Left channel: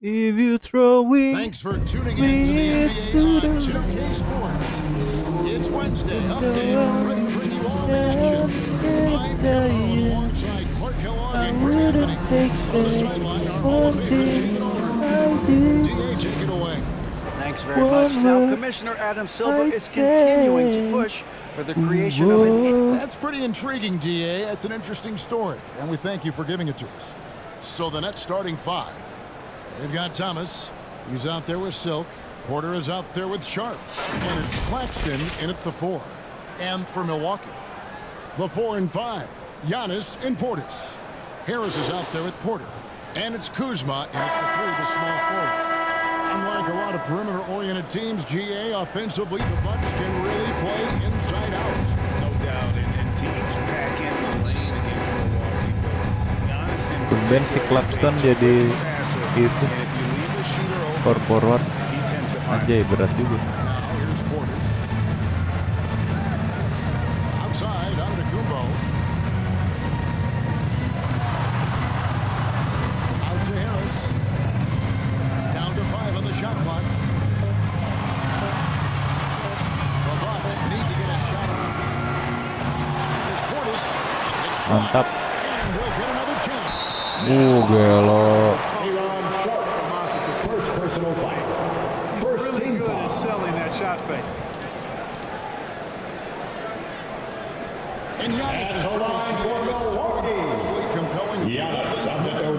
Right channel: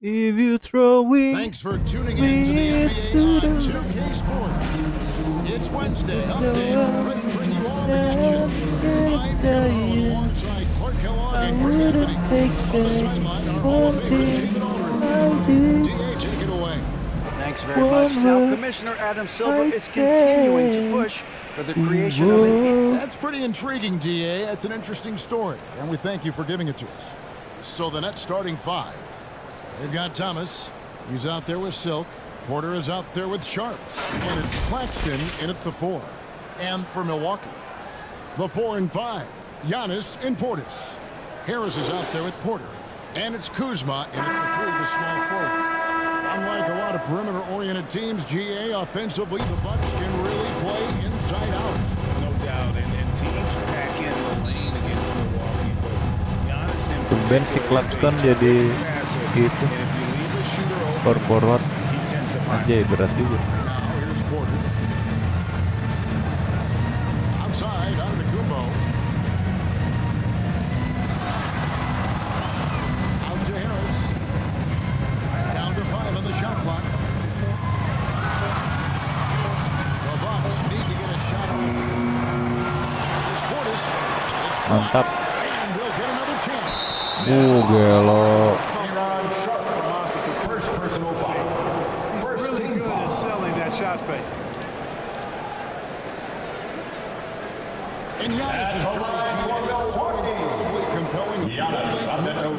If you throw it Thanks for tuning in to the NBA to on the 2K Sports. It's Wednesday, update, ready to bring you all the action. I'm Kevin Harlan alongside Clark Kellogg and Greg Anthony. On the sideline, our Hall of Famer David Aldridge. DA, take it away. Thanks very much. Now, Commissioner Adam Silver is continuing to push for the creation of an... That's pretty intriguing, DA. That's an interesting story, and we thank you for giving it to us. So the Nets starting five. They've got Thomas. He's out there with Silk. Porter is out there with Sharp. And it's Claxton in at the 4. And for Milwaukee, the 4 and 5, Giannis and Portis. Harris is out there with Porter. And it's Kuzma in at the 3, the small forward. Unlike a lot of perimeter-oriented teams, GA, offensively, the Bucks can really play inside out. No doubt, and teams pack in the lane against Milwaukee, but Giannis in Tumben si particular Claxton is a jadi terrific passer, itu and if you leave a shooter power open, forward he tends to find aja berat juga. Now here's Porter. Outside, Antetokounmpo. Out to Harris. Down to 5 on the shot clock. The Bucks need to get a shot off. Here's Portis. It's Mantap. blocked, and they'll get another chance. Gelo. First personal foul. First Really team good foul. at selling that shot fake. And Giannis is the line trying for to so Milwaukee. incredibly compelling. Giannis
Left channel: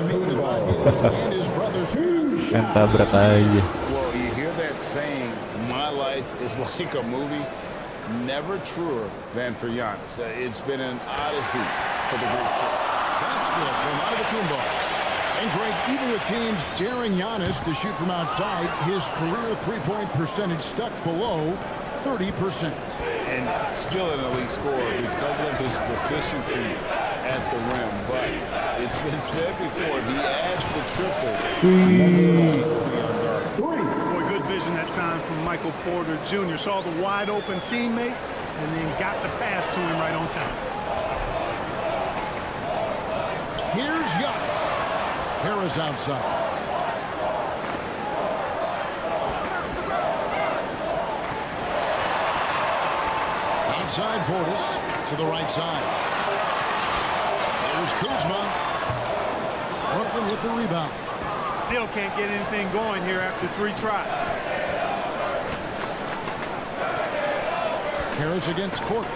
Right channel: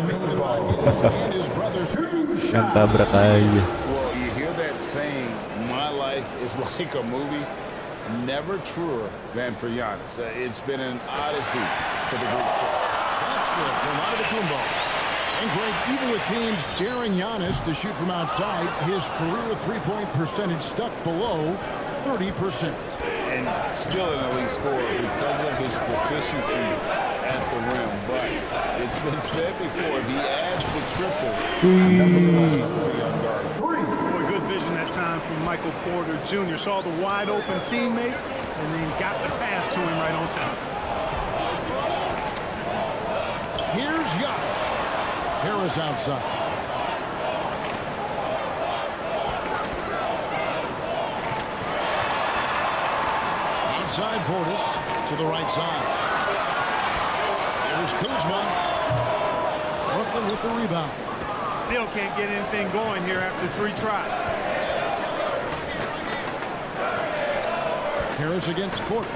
Made by Antetokounmpo. his and his brothers. Kan tabrak aja. Well, you hear that saying, my life is like a movie. Never truer than for Giannis. It's been an odyssey for the Greek kid. That's good from Antetokounmpo. And Greg, even with teams daring Giannis to shoot from outside, his career three-point percentage stuck below 30%. And still an elite scorer because of his proficiency at the rim. But it's been said before, if he adds the triple, he will be unguardable. Boy, good vision that time from Michael Porter Jr. Saw the wide open teammate and then got the pass to him right on time. Here's Giannis. Harris outside. Outside Portis to the right side. Here's Kuzma. Brooklyn with the rebound. Still can't get anything going here after 3 tries. Harris against Porter.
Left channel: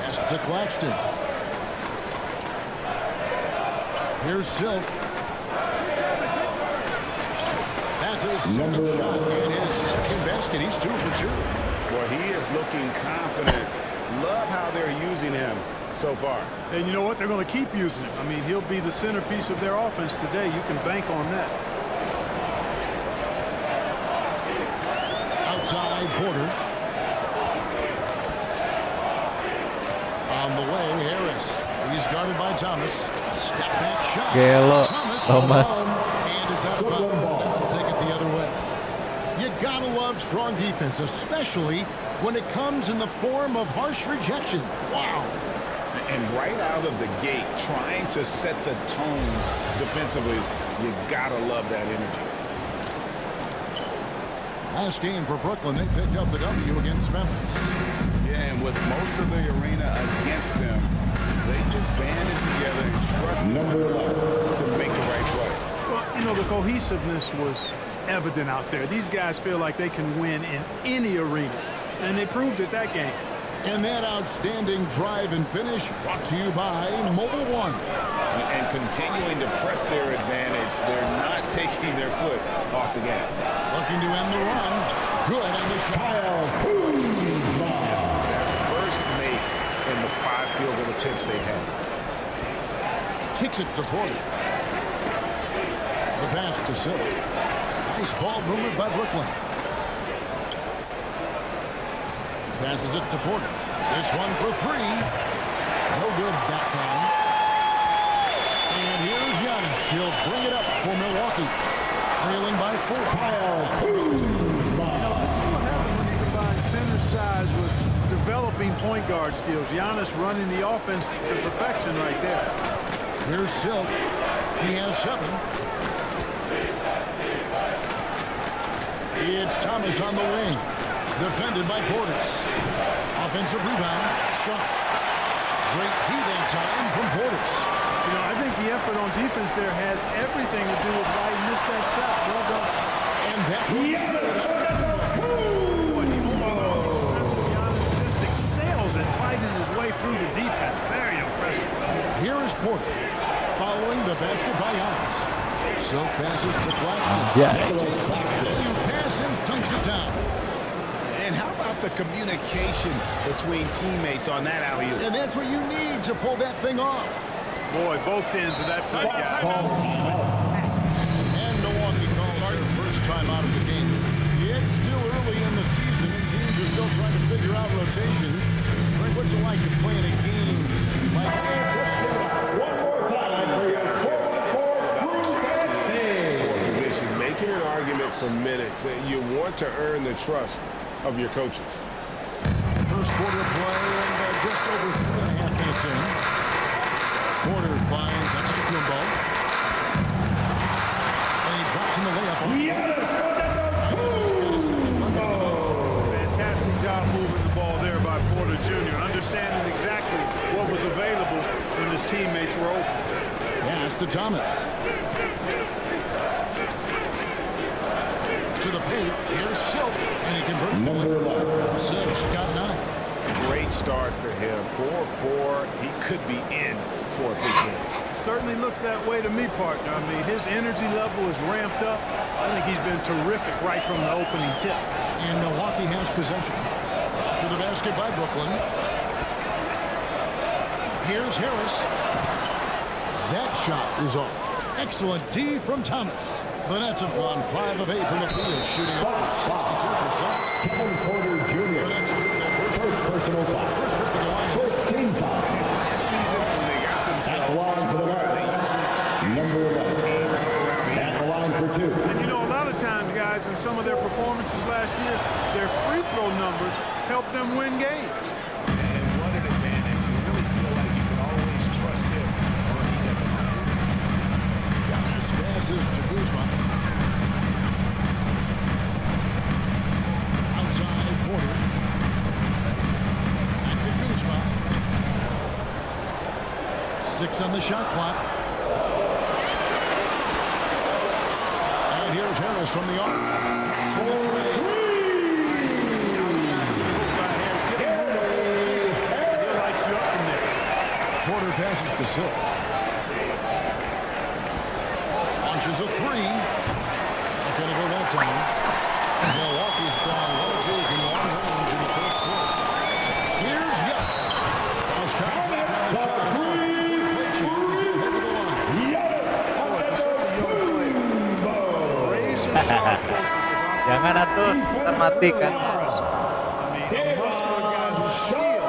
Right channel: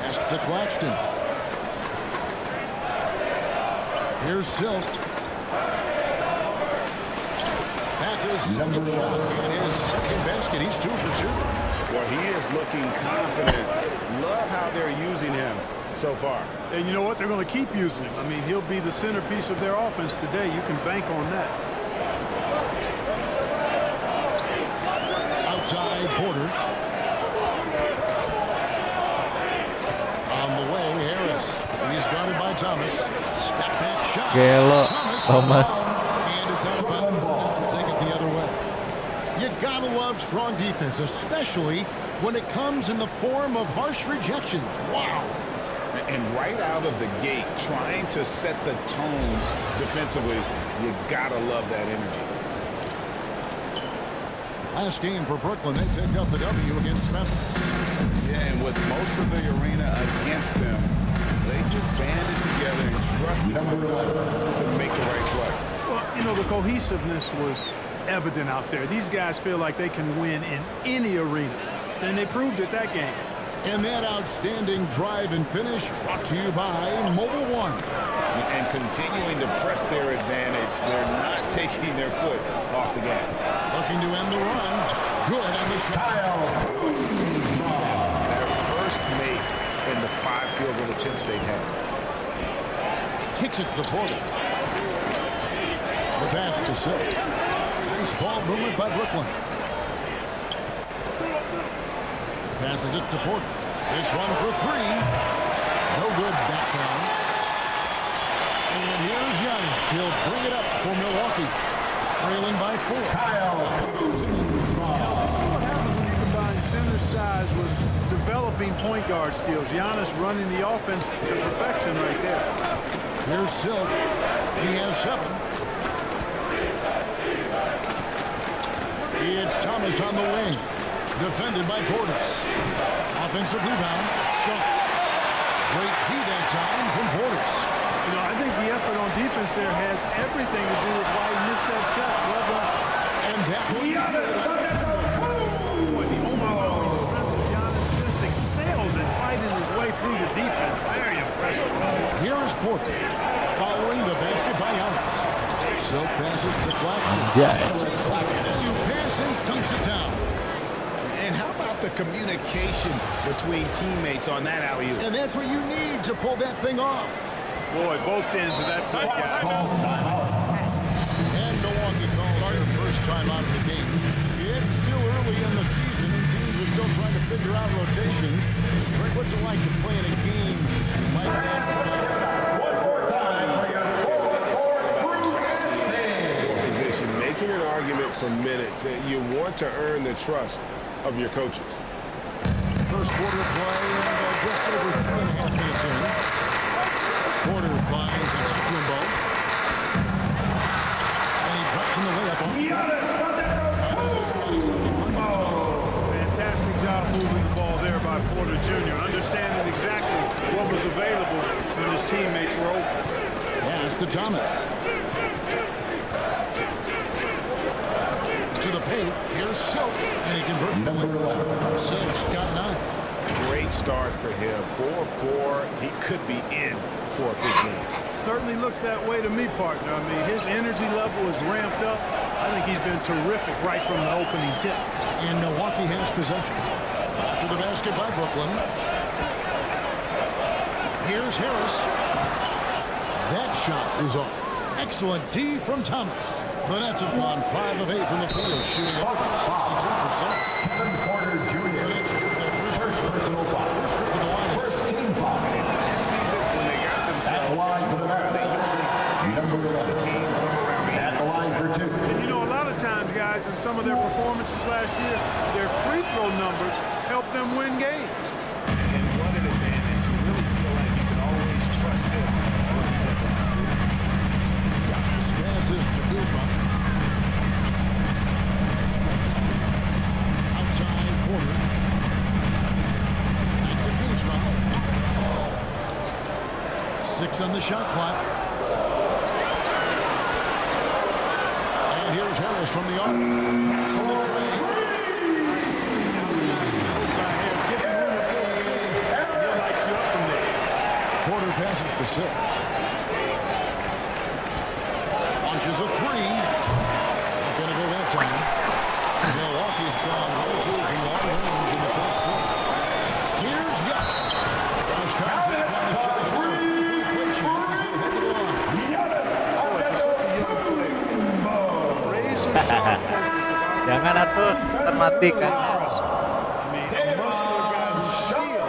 Pass to Claxton. Here's Silk. That's his second shot and his second basket. He's 2 for 2. Well, he is looking confident. Love how they're using him so far. And you know what? They're going to keep using him. I mean, he'll be the centerpiece of their offense today. You can bank on that. Outside Porter. On the way, Harris. He's guarded by Thomas. Step back shot. Gelo, Thomas. Thomas. And it's out of bounds. The Nets will take it the other way. You gotta love strong defense, especially when it comes in the form of harsh rejections. Wow. And right out of the gate, trying to set the tone defensively, you gotta love that energy. Last game for Brooklyn, they picked up the W against Memphis. Yeah, and with most of the arena against them, they just banded together and trusted one another to make the right play. Well, you know, the cohesiveness was evident out there. These guys feel like they can win in any arena, and they proved it that game. And that outstanding drive and finish brought to you by Mobile One. And continuing to press their advantage, they're not taking their foot off the gas. Looking to end the run. Good on the shot. Their first make in the 5 field goal attempts they've had. Kicks it to Porter. The pass to Silk. Nice ball movement by Brooklyn. Passes it to Porter. This one for 3. No good that time. And here's Giannis. He'll bring it up for Milwaukee. Trailing by 4. You know, this is what happens when you combine center size with developing point guard skills. Giannis running the offense to perfection right there. Here's Silk. He has 7. It's Thomas on the wing. Defended by Portis. Offensive rebound. Shot. Great D that time from Portis. You know, I think the effort on defense there has everything to do with why he missed that shot. Well done. And that one's good. Boy, the overwhelming strength of Giannis just excels at fighting his way through the defense. Very impressive. Here is Porter. Following the basket by Giannis. Silk passes to Claxton. Anjay. Takes the alley-oop pass and dunks it down. And how about the communication between teammates on that alley-oop? And that's what you need to pull that thing off. Boy, both ends of that play, guys. And Milwaukee calls their first time out of the game. It's still early in the season, and teams are still trying to figure out rotations. Greg, what's it like to play in a game like that? One more time for your For position, making an argument for minutes. You want to earn the trust of your coaches. First quarter play, and just over 3.5 minutes in. Porter finds Antetokounmpo. And he drops in the layup off the Fantastic job moving the ball there by Porter Jr., understanding exactly what was available when his teammates were open. Pass to Thomas. To the paint. Here's Silk, and he converts the layup. Silk's got 9. Great start for him. 4-4. He could be in for a big game. Certainly looks that way to me, partner. I mean, his energy level is ramped up. I think he's been terrific right from the opening tip. And Milwaukee has possession. After the basket by Brooklyn. Here's Harris. That shot is off. Excellent D from Thomas. The Nets have gone 5 of 8 from the field, shooting over 62%. Kevin Porter Jr. The Nets do their first personal foul. First trip to the line. First team foul. Last season, when they got themselves At the line for the Nets. they usually Number 11. At the line for 2. And you know, a lot of times, guys, in some of their performances last year, their free throw numbers helped them win games. And what an advantage. You really feel like you can always trust him when he's at the line. Giannis passes to Kuzma. Outside Porter. Back to Kuzma. 6 on the shot clock. And here's Harris from the arc. Drops on the tray. Give him room to pull the trigger, and he'll light you up from there. Porter passes to Silk. Launches a 3. Not going to go that time. Milwaukee's gone 1-2 from long range in the first quarter. Here's Young. Cross contact on the shot. And a play chance as he'll head to the line. Boy, for such a young player, razor-sharp focus of offense. Jangan atuh, ntar mati kan. Impressive. I mean, a muscular guy who still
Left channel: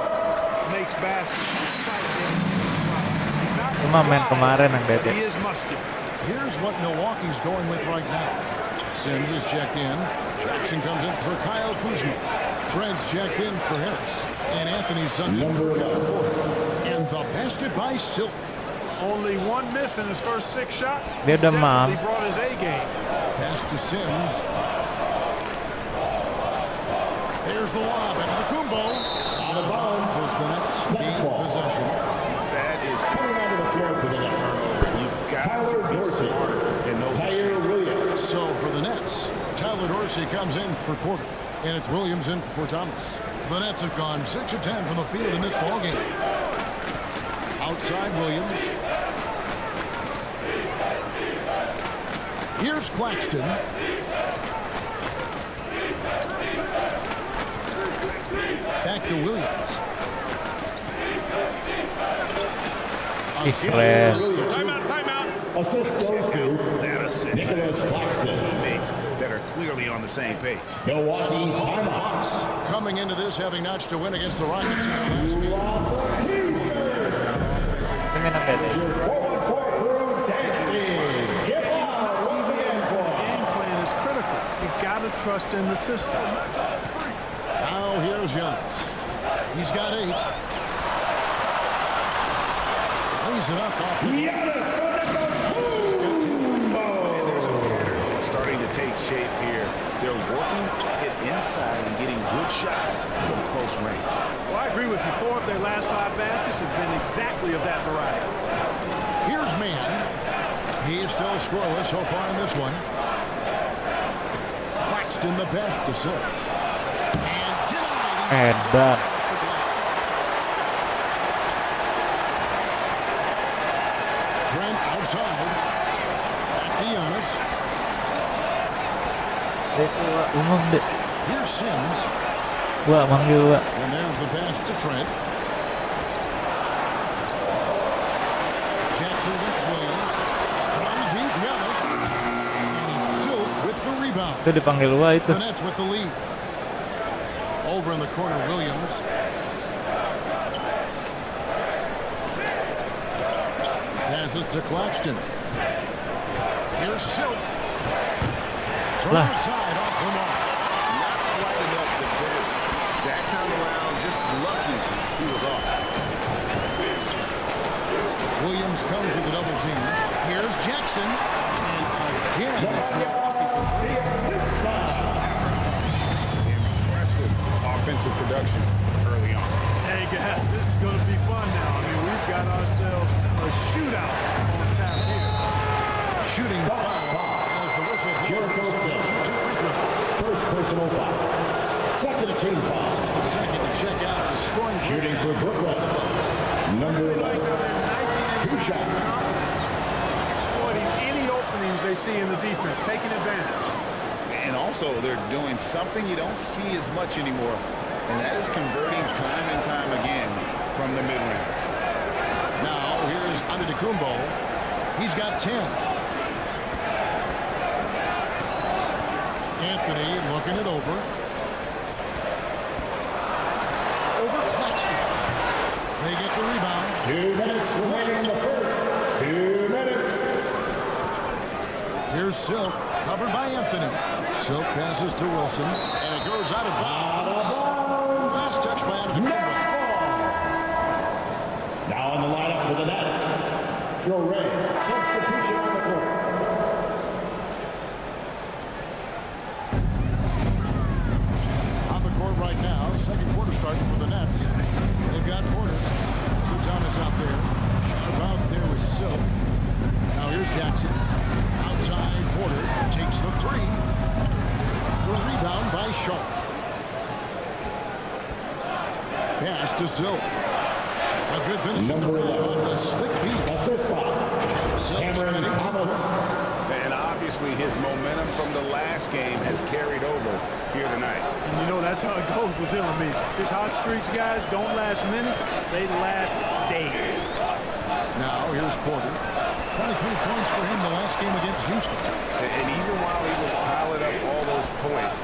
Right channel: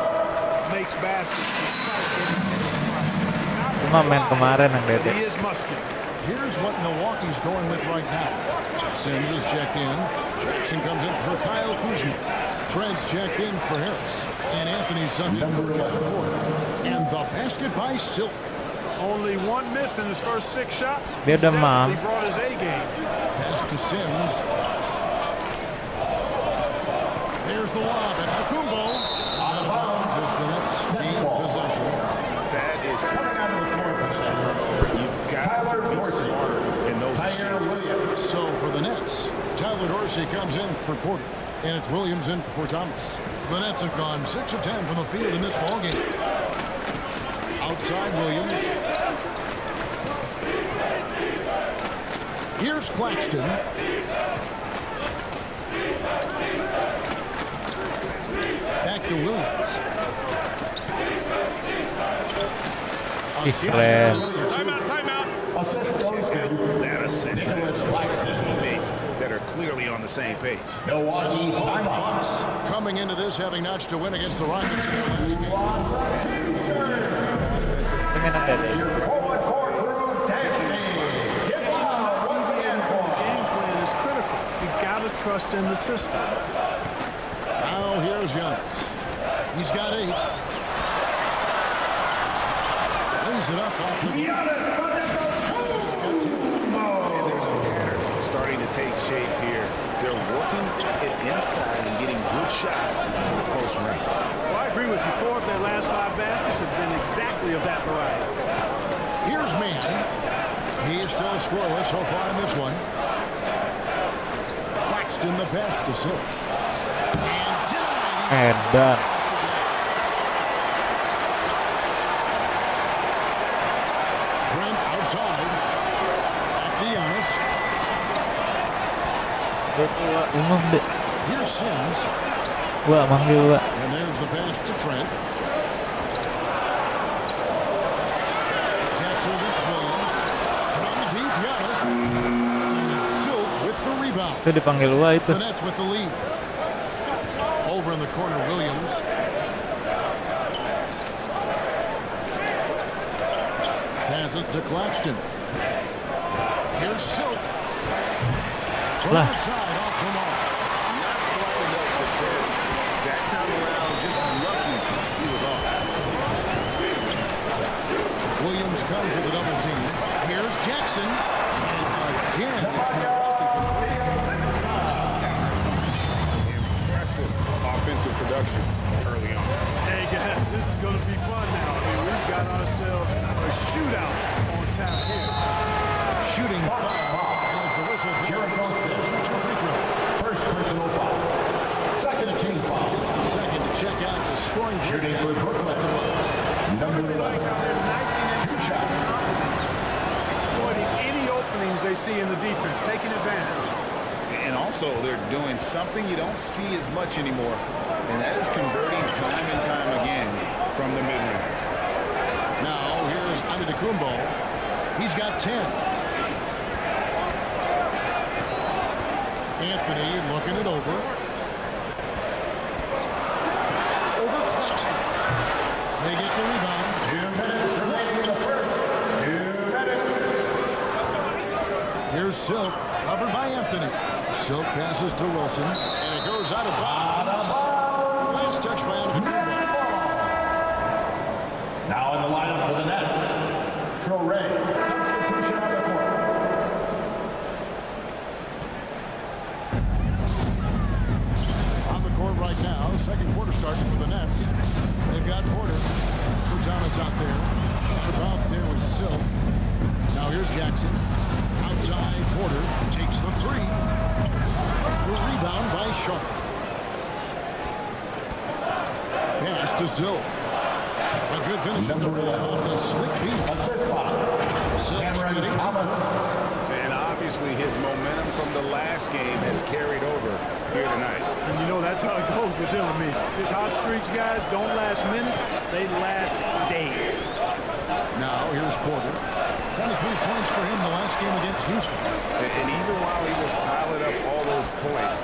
makes baskets despite getting hit in the front. He's not Cuma main kemarin yang but Dede. he is muscular. Here's what Milwaukee's going with right now. Sims is checked in. Jackson comes in for Kyle Kuzma. Fred's checked in for Harris. And Anthony's subbed in for Kevin Porter. And the basket by Silk. Only 1 miss in his first 6 shots. Dia He's demam. definitely brought his A game. Pass to Sims. There's the lob at Antetokounmpo. Out of bounds as the Nets gain possession. That is just Out of the floor for the Nets. turnover. You've got to be smarter in those exchanges. So for the Nets, Tyler Dorsey comes in for Porter. And it's Williams in for Thomas. The Nets have gone 6 of 10 from the field in this ballgame. Outside Williams. Here's Claxton. Back to Williams. Keren. Timeout. Assist goes to That assist. Nicholas Claxton. Teammates that are clearly on the same page. Milwaukee timeout. Bucks coming into this having notched a win against the Rockets in their last game. Ini nang Dede. Your forward court crew dancing. Get loud. Deviating from the game plan is critical. You gotta trust in the system. Now here's Giannis. He's got 8. Lays it up off the starting to take shape here. They're working it inside and getting good shots from close range. Well, I agree with you. 4 of their last 5 baskets have been exactly of that variety. Here's Mann. He's still scoreless so far in this one. Claxton the pass to Silk. And denied. And done. Trent outside. Back to Giannis. Dek, Wak, umum dek. Here's Sims. Wak, manggil Wak. And there's the pass to Trent. Jackson against Williams. From deep, Giannis. And it's Silk with the rebound. Itu dipanggil Wak itu. The Nets with the lead. Over in the corner, Williams. Passes to Claxton. Here's Silk. From Lah. outside, off the mark. Not quite enough defense. That time around, just lucky he was off. Williams comes with a double team. Here's Jackson. And again, it's Milwaukee converting. Impressive offensive production early on. Hey, guys, this is going to be fun now. I mean, we've got ourselves a shootout on tap here. Shooting foul as the whistle blows. They'll shoot 2 free throws. First personal foul. Second team foul. Just a second to check out the scoring Shooting breakdown for Brooklyn. of the Bucks. Number I like 11. how they're knifing inside with confidence, exploiting any openings they see in the defense, taking advantage. And also, they're doing something you don't see as much anymore, and that is converting time and time again from the mid-range. Now, here's Antetokounmpo. He's got 10. Anthony looking it over. Over Claxton. They get the rebound. 2 minutes remaining in the first. 2 minutes. Here's Silk, covered by Anthony. Silk passes to Wilson, and it goes out of bounds. Last touch by Antetokounmpo. Now in the lineup for the Nets. Ray. Substitution on the court. On the court right now, second quarter starting for the Nets. They've got Porter. So Thomas out there. Sharp out there with Silk. Now here's Jackson. Outside, Porter takes the 3. The rebound by Sharp. Pass to Silk. A good finish at the rim off the slick feet. Assist foul. Silk's got 18 points. And obviously, his momentum from the last game has carried over here tonight. And you know that's how it goes with him. I mean, his hot streaks, guys, don't last minutes. They last days. Now here's Porter. 23 points for him the last game against Houston. And even while he was piling up all those points,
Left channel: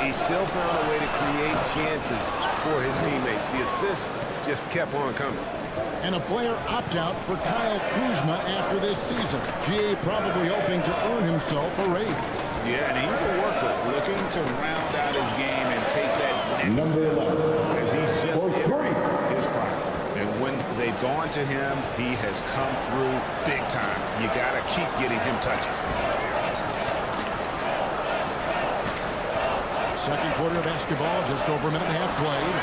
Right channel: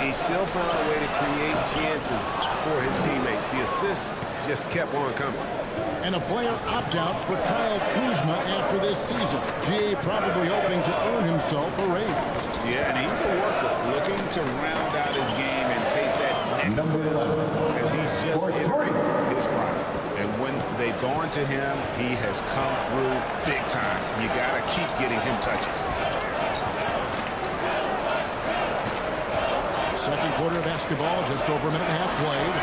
he still found a way to create chances for his teammates. The assists just kept on coming. And a player opt-out for Kyle Kuzma after this season. GA probably hoping to earn himself a raise. Yeah, and he's a worker looking to round out his game and take that next Number step 11. as he's just For entering 3. his prime. And when they've gone to him, he has come through big time. You got to keep getting him touches. Second quarter of basketball, just over a minute and a half played.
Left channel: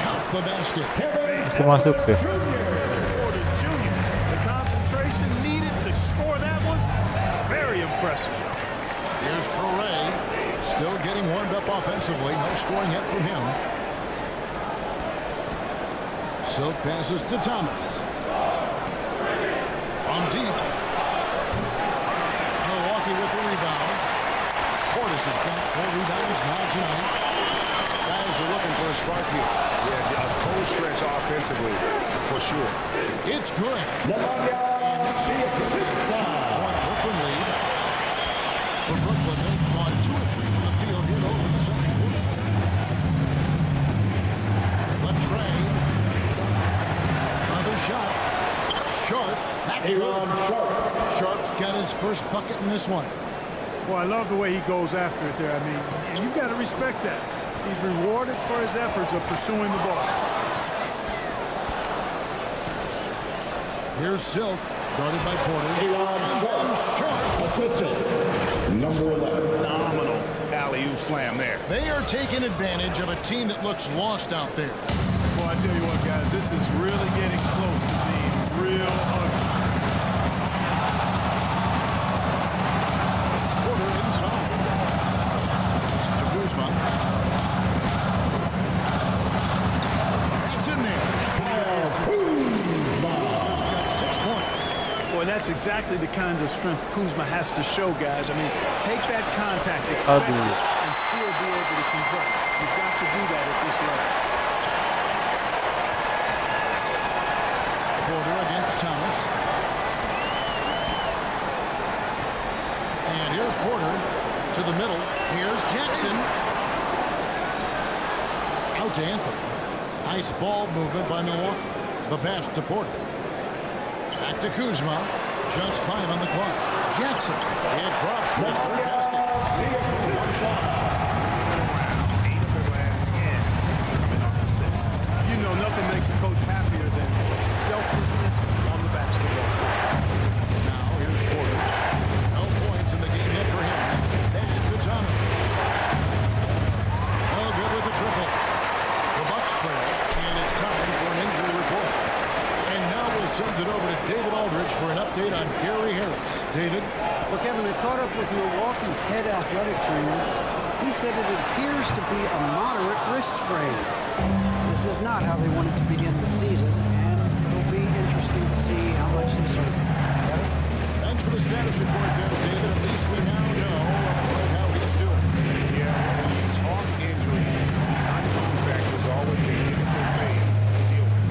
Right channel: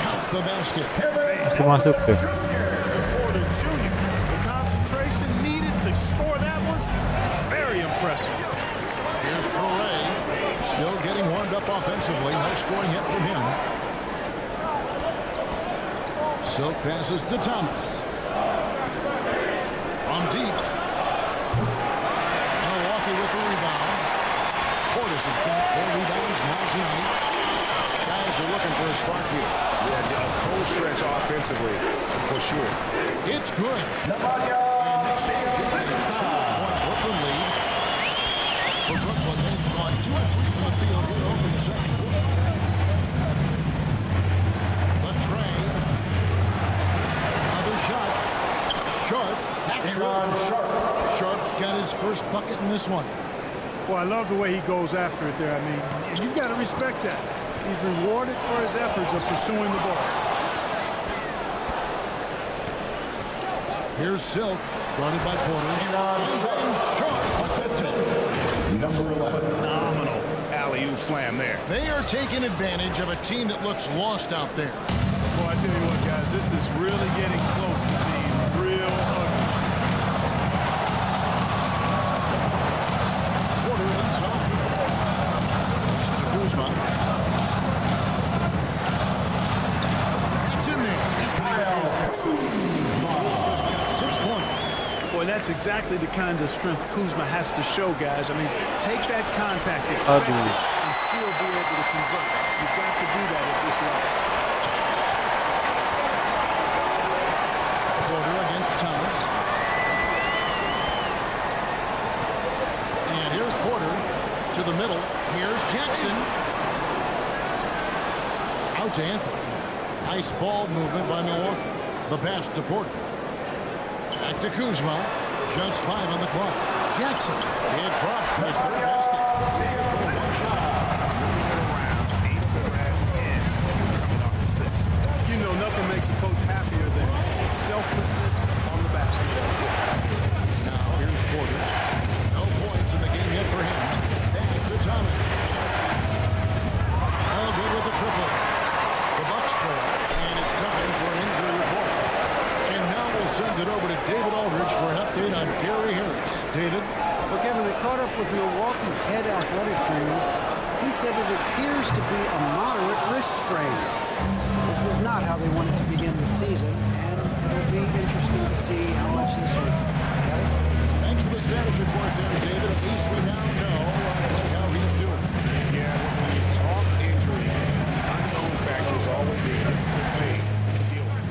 Count the basket. Masuk tuh. Porter Jr., the concentration needed to score that one, very impressive. Here's Traore, still getting warmed up offensively. No scoring yet from him. Silk passes to Thomas. From deep. Milwaukee with the rebound. Portis has got 4 rebounds now tonight. Guys are looking for a spark here. Yeah, a cold stretch offensively, for sure. It's good. And that's just a 2-point Brooklyn lead. For Brooklyn, they've gone 2 or 3 from the field here to open the second quarter. The trade. Another shot. Sharp. That's good. Sharp's got his first bucket in this one. Well, I love the way he goes after it there. I mean, and you've got to respect that. He's rewarded for his efforts of pursuing the ball. Here's Silk, guarded by Porter. And then Sharp assisted. Number 11. Phenomenal alley-oop slam there. They are taking advantage of a team that looks lost out there. Well, I tell you what, guys, this is really getting close to being real ugly. Porter inside. To Kuzma. That's in there. Anthony with the assist. Kuzma's got 6 points. Boy, that's exactly the kind of strength Kuzma has to show, guys. I mean, take that contact, expect it, and still be able to convert. You've got to do that at this level. Porter against Thomas. And here's Porter to the middle. Here's Jackson. Out to Anthony. Nice ball movement by Milwaukee. The pass to Porter. Back to Kuzma. Just 5 on the clock. Jackson. It drops for his third basket. He's just going one shot. Moving it around. 8 of their last 10 coming off assists. You know, nothing makes a coach happier than selflessness on the basketball court. Now here's Porter. No points in the game yet for him. Back to Thomas. No good with the triple. The Bucks trail, and it's time for an injury report. And now we'll send it over to David Aldridge for an update on Gary Harris. David? Well, Kevin, I caught up with Milwaukee's head athletic trainer. He said it appears to be a moderate wrist sprain. This is not how they wanted to begin the season, and it'll be interesting to see how much he serves. Kevin? Thanks for the status report there, David. At least we now know how he's doing. Yeah, when you talk injury, the unknown factor is always a difficult thing to deal with.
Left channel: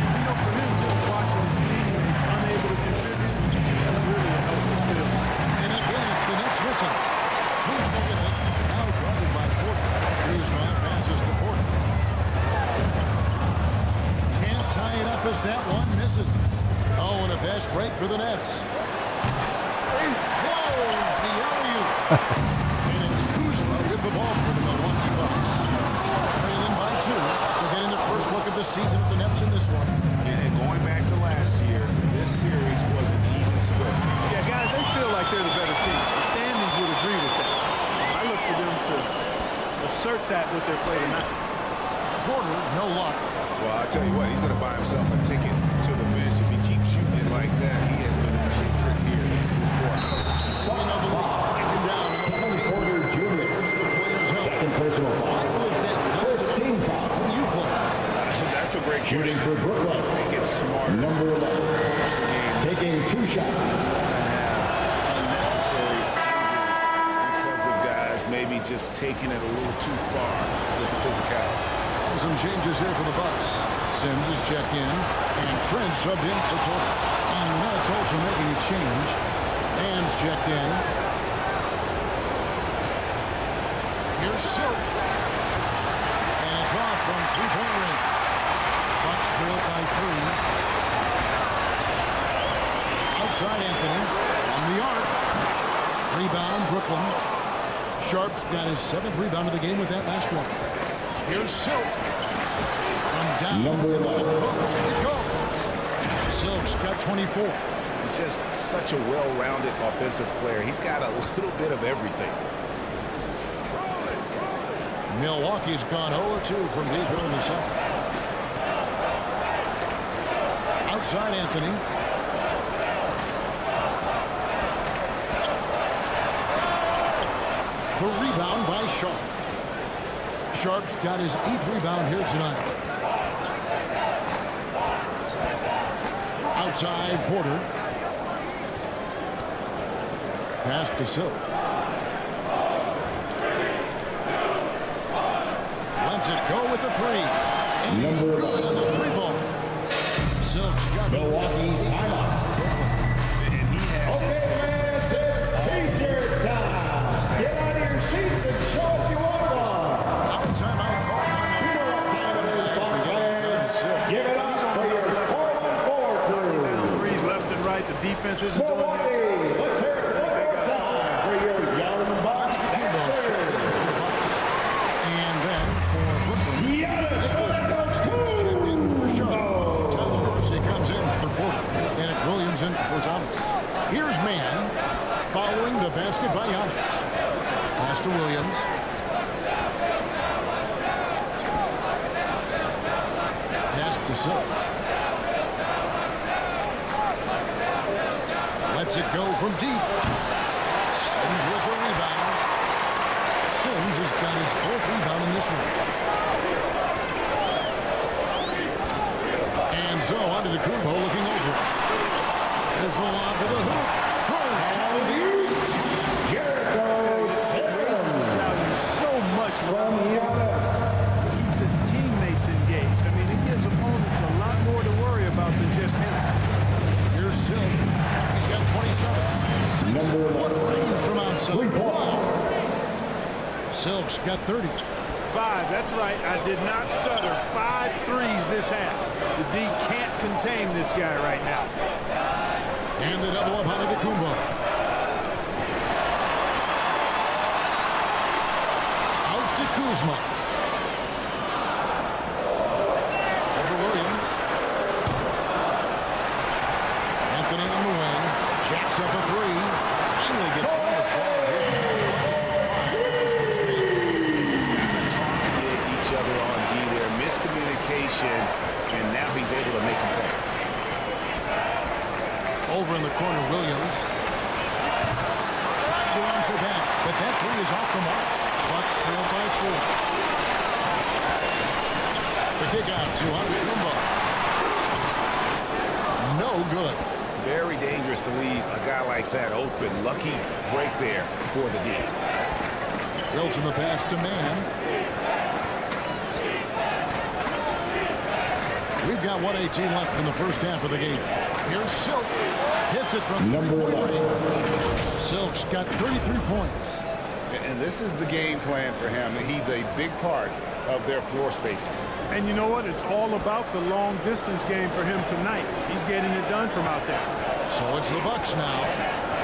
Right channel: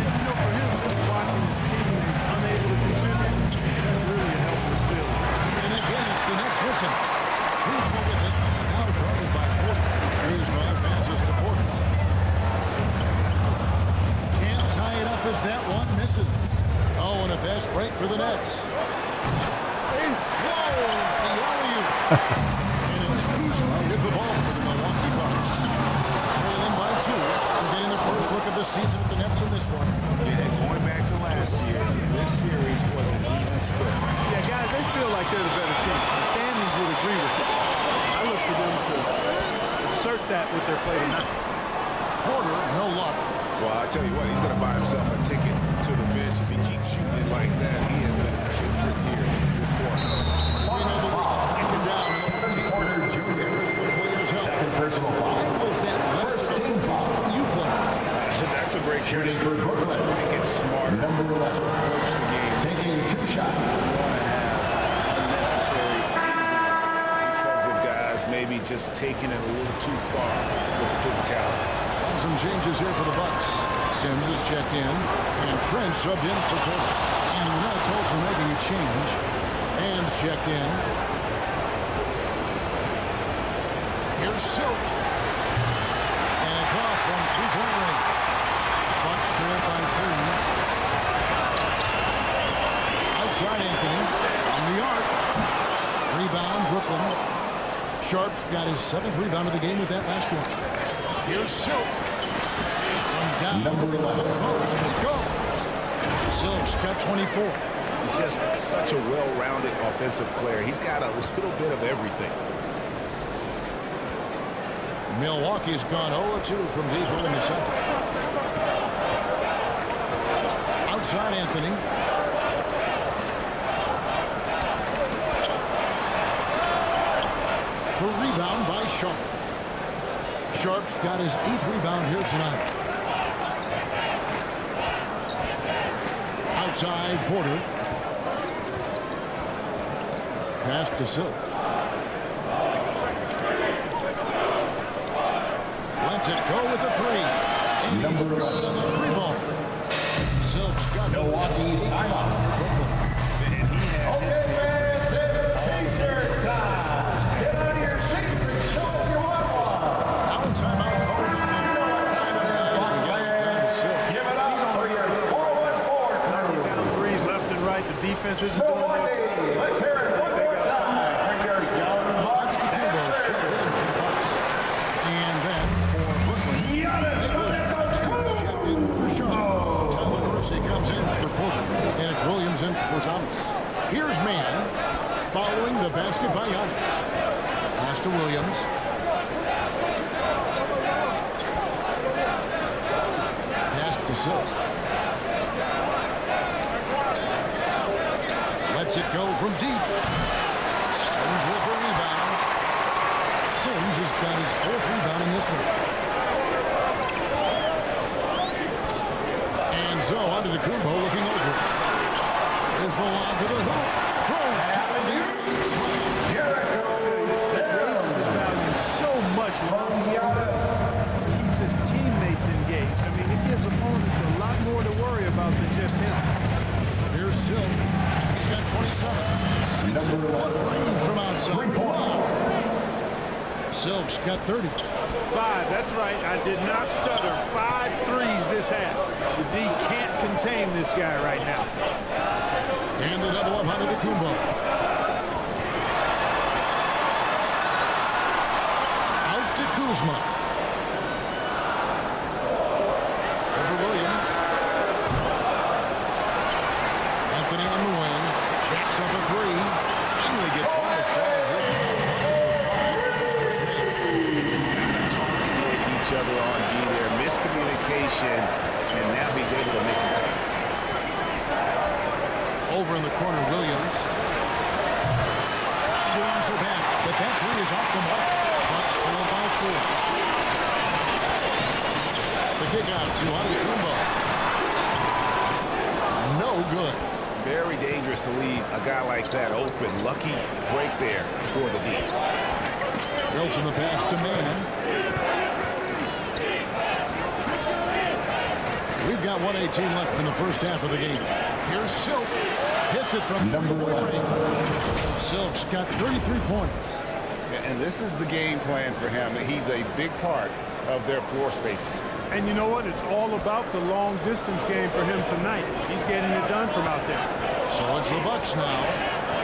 And, you know, for him, just watching his teammates unable to contribute, that's really a helpless feeling. And again, it's the Nets missing. Kuzma with it, now guarded by Porter. Kuzma passes to Porter. Can't tie it up as that one misses. Oh, and a fast break for the Nets. Blows the alley-oop. And it's Kuzma with the ball for the Milwaukee Bucks. Trailing by 2. They're getting their first look of the season at the Nets in this one. Yeah, going back to last year, this series was an even split. Yeah, guys, they feel like they're the better team. The standings would agree with that. I look for them to assert that with their play tonight. Porter, no luck. Well, I'll tell you what, he's going to buy himself a ticket to the bench. If he keeps shooting it like that, he has been putrid here this quarter. We know the league's cracking down on those teams Porter Jr. risk the players' health. Second personal foul. Was that less of a Team focus foul. when you play? That's a great Shooting question. for Brooklyn. I think it's smarter Number 11. to approach the game. Taking 2 shots. You want to have unnecessary injury because of guys maybe just taking it a little too far with the physicality. And some changes here for the Bucks. Sims is checked in, and Trent subbed in for Porter. And the Nets also making a change. Man's checked in. Here's Silk. And it's off from three-point range. Bucks trail by 3. Outside Anthony from the arc. Rebound Brooklyn. Sharp's got his 7th rebound of the game with that last one. Here's Silk. From down Number in the 11. post, it goes. Silk's got 24. He's just such a well-rounded offensive player. He's got a little bit of everything. Milwaukee's gone 0-2 from deep here in the second. Outside Anthony. The rebound by Sharp. Sharp's got his 8th rebound here tonight. Outside Porter. Pass to Silk. Lets it go with the 3. And he's Number good on the 3 ball. Silk's got Milwaukee timeout. And he has his T-shirt time. Get out of your seats and show us you want one. Now a timeout called on the guys beginning done to Silk. Give it up He's on for the your other level right 4-1-4 Knocking crew. down threes left and right. The defense isn't doing their job. Let's hear it one They more gotta talk time for your young Bucks. That's the Kumbo checked in for the Bucks. And then for Brooklyn, Nicholas Claxton's checked in for Sharp. Tyler Dorsey comes in for Porter. And it's Williams in for Thomas. Here's Man. following the basket by Giannis. Pass to Williams. Pass to Silk. Lets it go from deep. Sims with the rebound. Sims has got his 4th rebound in this one. And so onto Kumbo looking over it. There's the lob to the hoop. Throws down the early slam. It raises his value so much from keeps his teammates engaged. I mean, it gives opponents a lot more to worry about than just him. Here's Silk. He's got 27. What range from outside. Wow. Silk's got 30. 5, that's right. I did not stutter. 5 threes this half. The D can't contain this guy right now. And the double up on Kumbo. Out to Kuzma. Over Williams. Anthony on the wing. Jacks up a 3. Finally gets one to fall. Here's for 5 with his first make. They've got to talk to each other on D there. Miscommunication, and now he's able to make him pay. Over in the corner, Williams. Trying to answer back, but that 3 is off the mark. Bucks trail by 4. The kick out to Kumbo. No good. Very dangerous to leave a guy like that open. Lucky break there for the D. Wilson the pass to Man. We've got 1:18 left in the first half of the game. Here's Silk. Hits it from 3-point range. Silk's got 33 points. And this is the game plan for him. He's a big part of their floor spacing. And you know what? It's all about the long distance game for him tonight. He's getting it done from out there. So it's the Bucks now,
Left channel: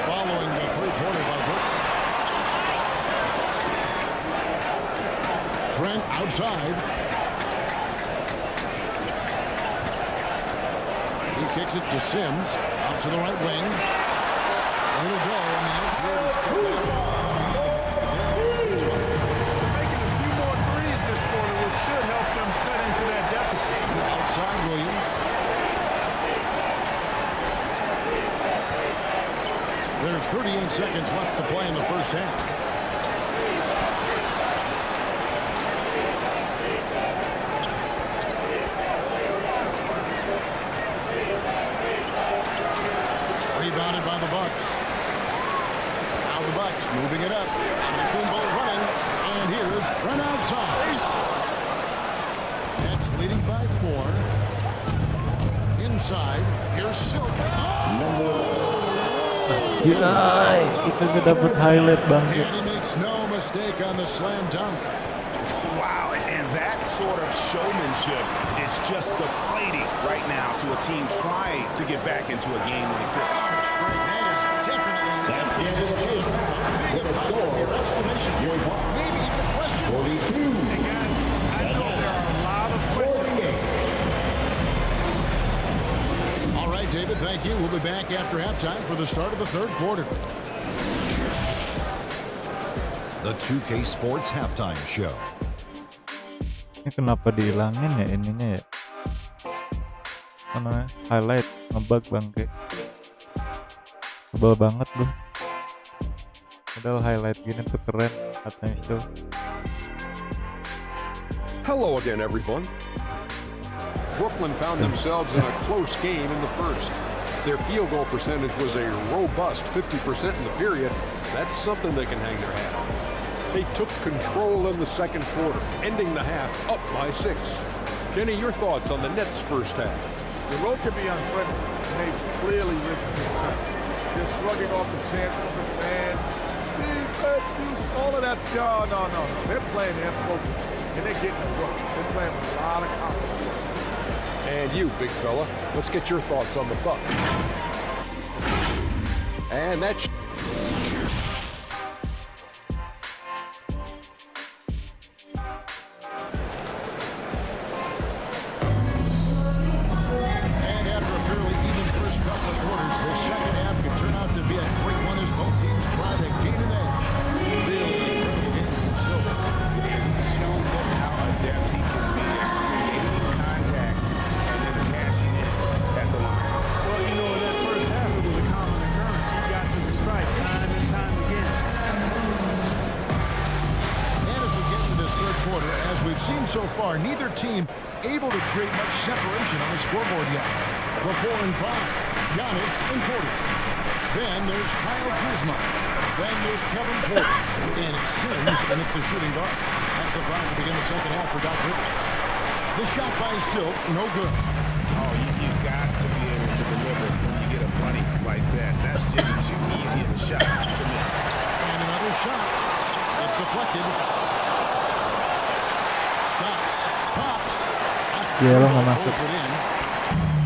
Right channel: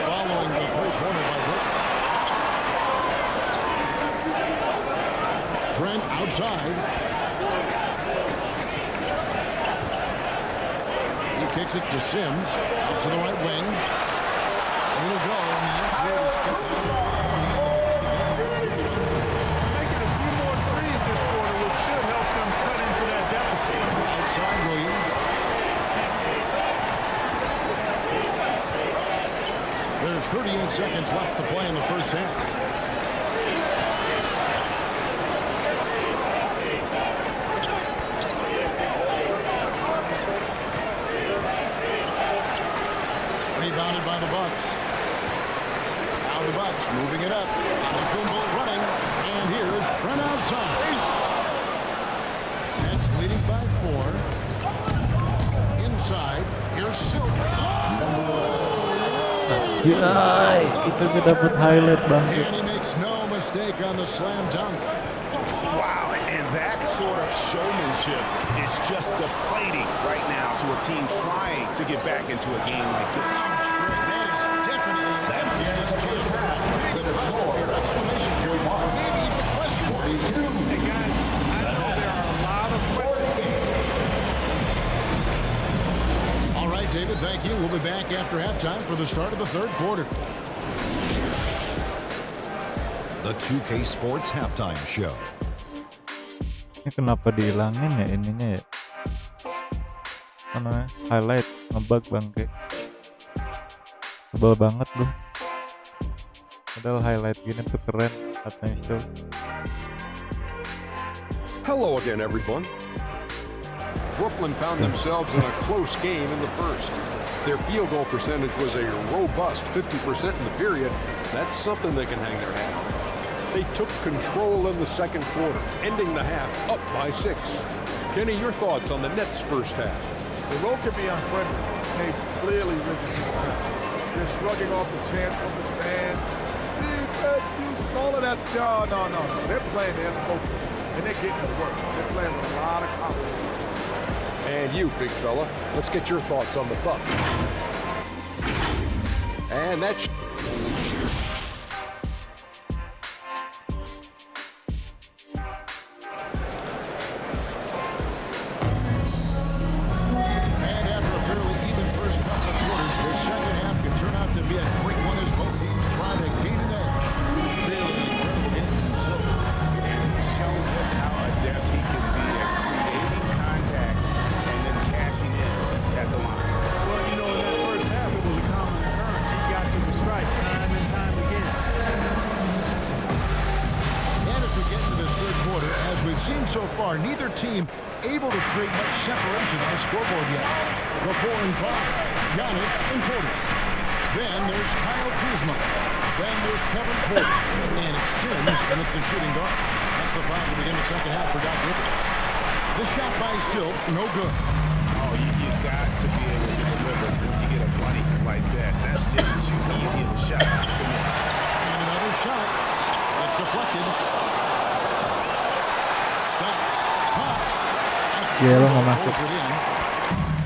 following the 3-pointer by Brooklyn. Trent outside. He kicks it to Sims, out to the right wing. It'll go, and the next lead is kept out. He's the basket there. They're making a few more threes this quarter, which should help them cut into that deficit. Outside Williams. There's 38 seconds left to play in the first half. Rebounded by the Bucks. Now the Bucks moving it up. Kumbo running. And here's Trent outside. Nets leading by 4. Inside. Here's Silk. Anjay, kita dapat highlight bangkit. And he makes no mistake on the slam dunk. Wow, and that sort of showmanship is just deflating right now to a team trying to get back into a game like this. Ouch, Greg, that is definitely an emphasis change. Big apostrophe or exclamation point. Maybe even a question mark. Hey, guys, I know there are a lot of questions. All right, David, thank you. We'll be back after halftime for the start of the third quarter. The 2K Sports Halftime Show. Ini kenapa dihilangin ya ininya ya? Mana highlight ngebug bangke. Sebel banget bro. Padahal highlight gini tuh keren katanya show. Hello again, everyone. Brooklyn found themselves in a close game in the first. Their field goal percentage was a robust 50% in the period. That's something they can hang their hat on. They took control in the second quarter, ending the half up by 6. Kenny, your thoughts on the Nets' first half? The road can be unfriendly, and they've clearly risen to the top. They're shrugging off the chants from the fans. Defense, you solid. That's no. They're playing their focus, and they're getting to work. They're playing with a lot of confidence. And you, big fella, let's get your thoughts on the Bucks. And that's... And after a fairly even first couple of quarters, the second half could turn out out to be a quick one as both teams try to gain an edge. Really incredible game from Silk. And he's shown just how adept he can be at creating contact and then cashing in at the line. Well, you know, in that first half, it was a common occurrence. He got to the stripe time and time again. And as we get into this third quarter, as we've seen so far, neither team able to create much separation on the scoreboard yet. The 4 and 5, Giannis and Portis. Then there's Kyle Kuzma. Then there's Kevin Porter. And it's Sims in at the shooting guard. That's the 5 to begin the second half for Doc Rivers. The shot by Silk, no good. Oh, you got to be able to deliver when you get a bunny like that. That's just too easy of a shot to miss. And another shot. It's deflected. Stops. Pops. Cielo nggak masuk. Pulls it in.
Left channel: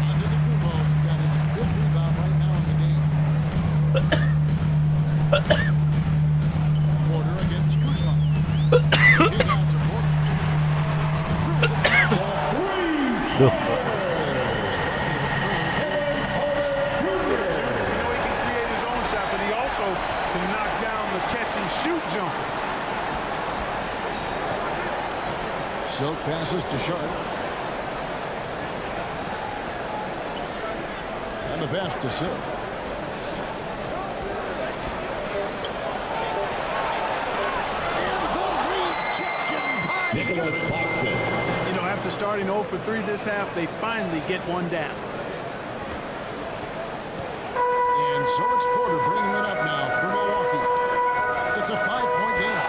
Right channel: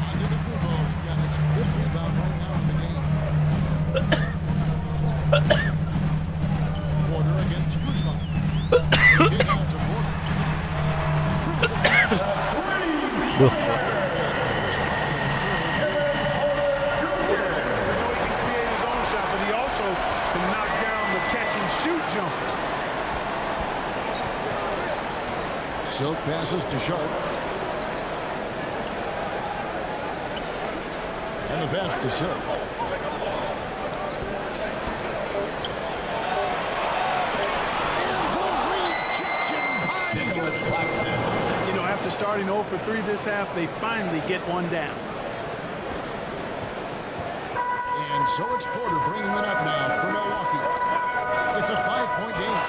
Antetokounmpo's got his 5th rebound right now in the game. Porter against Kuzma. Kick out to Porter. Cruz at the outside. Duh. Porter's got the first bucket of the third. Porter Jr., we know he can create his own shot, but he also can knock down the catch-and-shoot jumper. Silk passes to Sharp. And the pass to Silk. And the rejection by Nicholas Claxton. You know, after starting 0 for 3 this half, they finally get one down. And so it's Porter bringing it up now for Milwaukee. It's a 5-point game.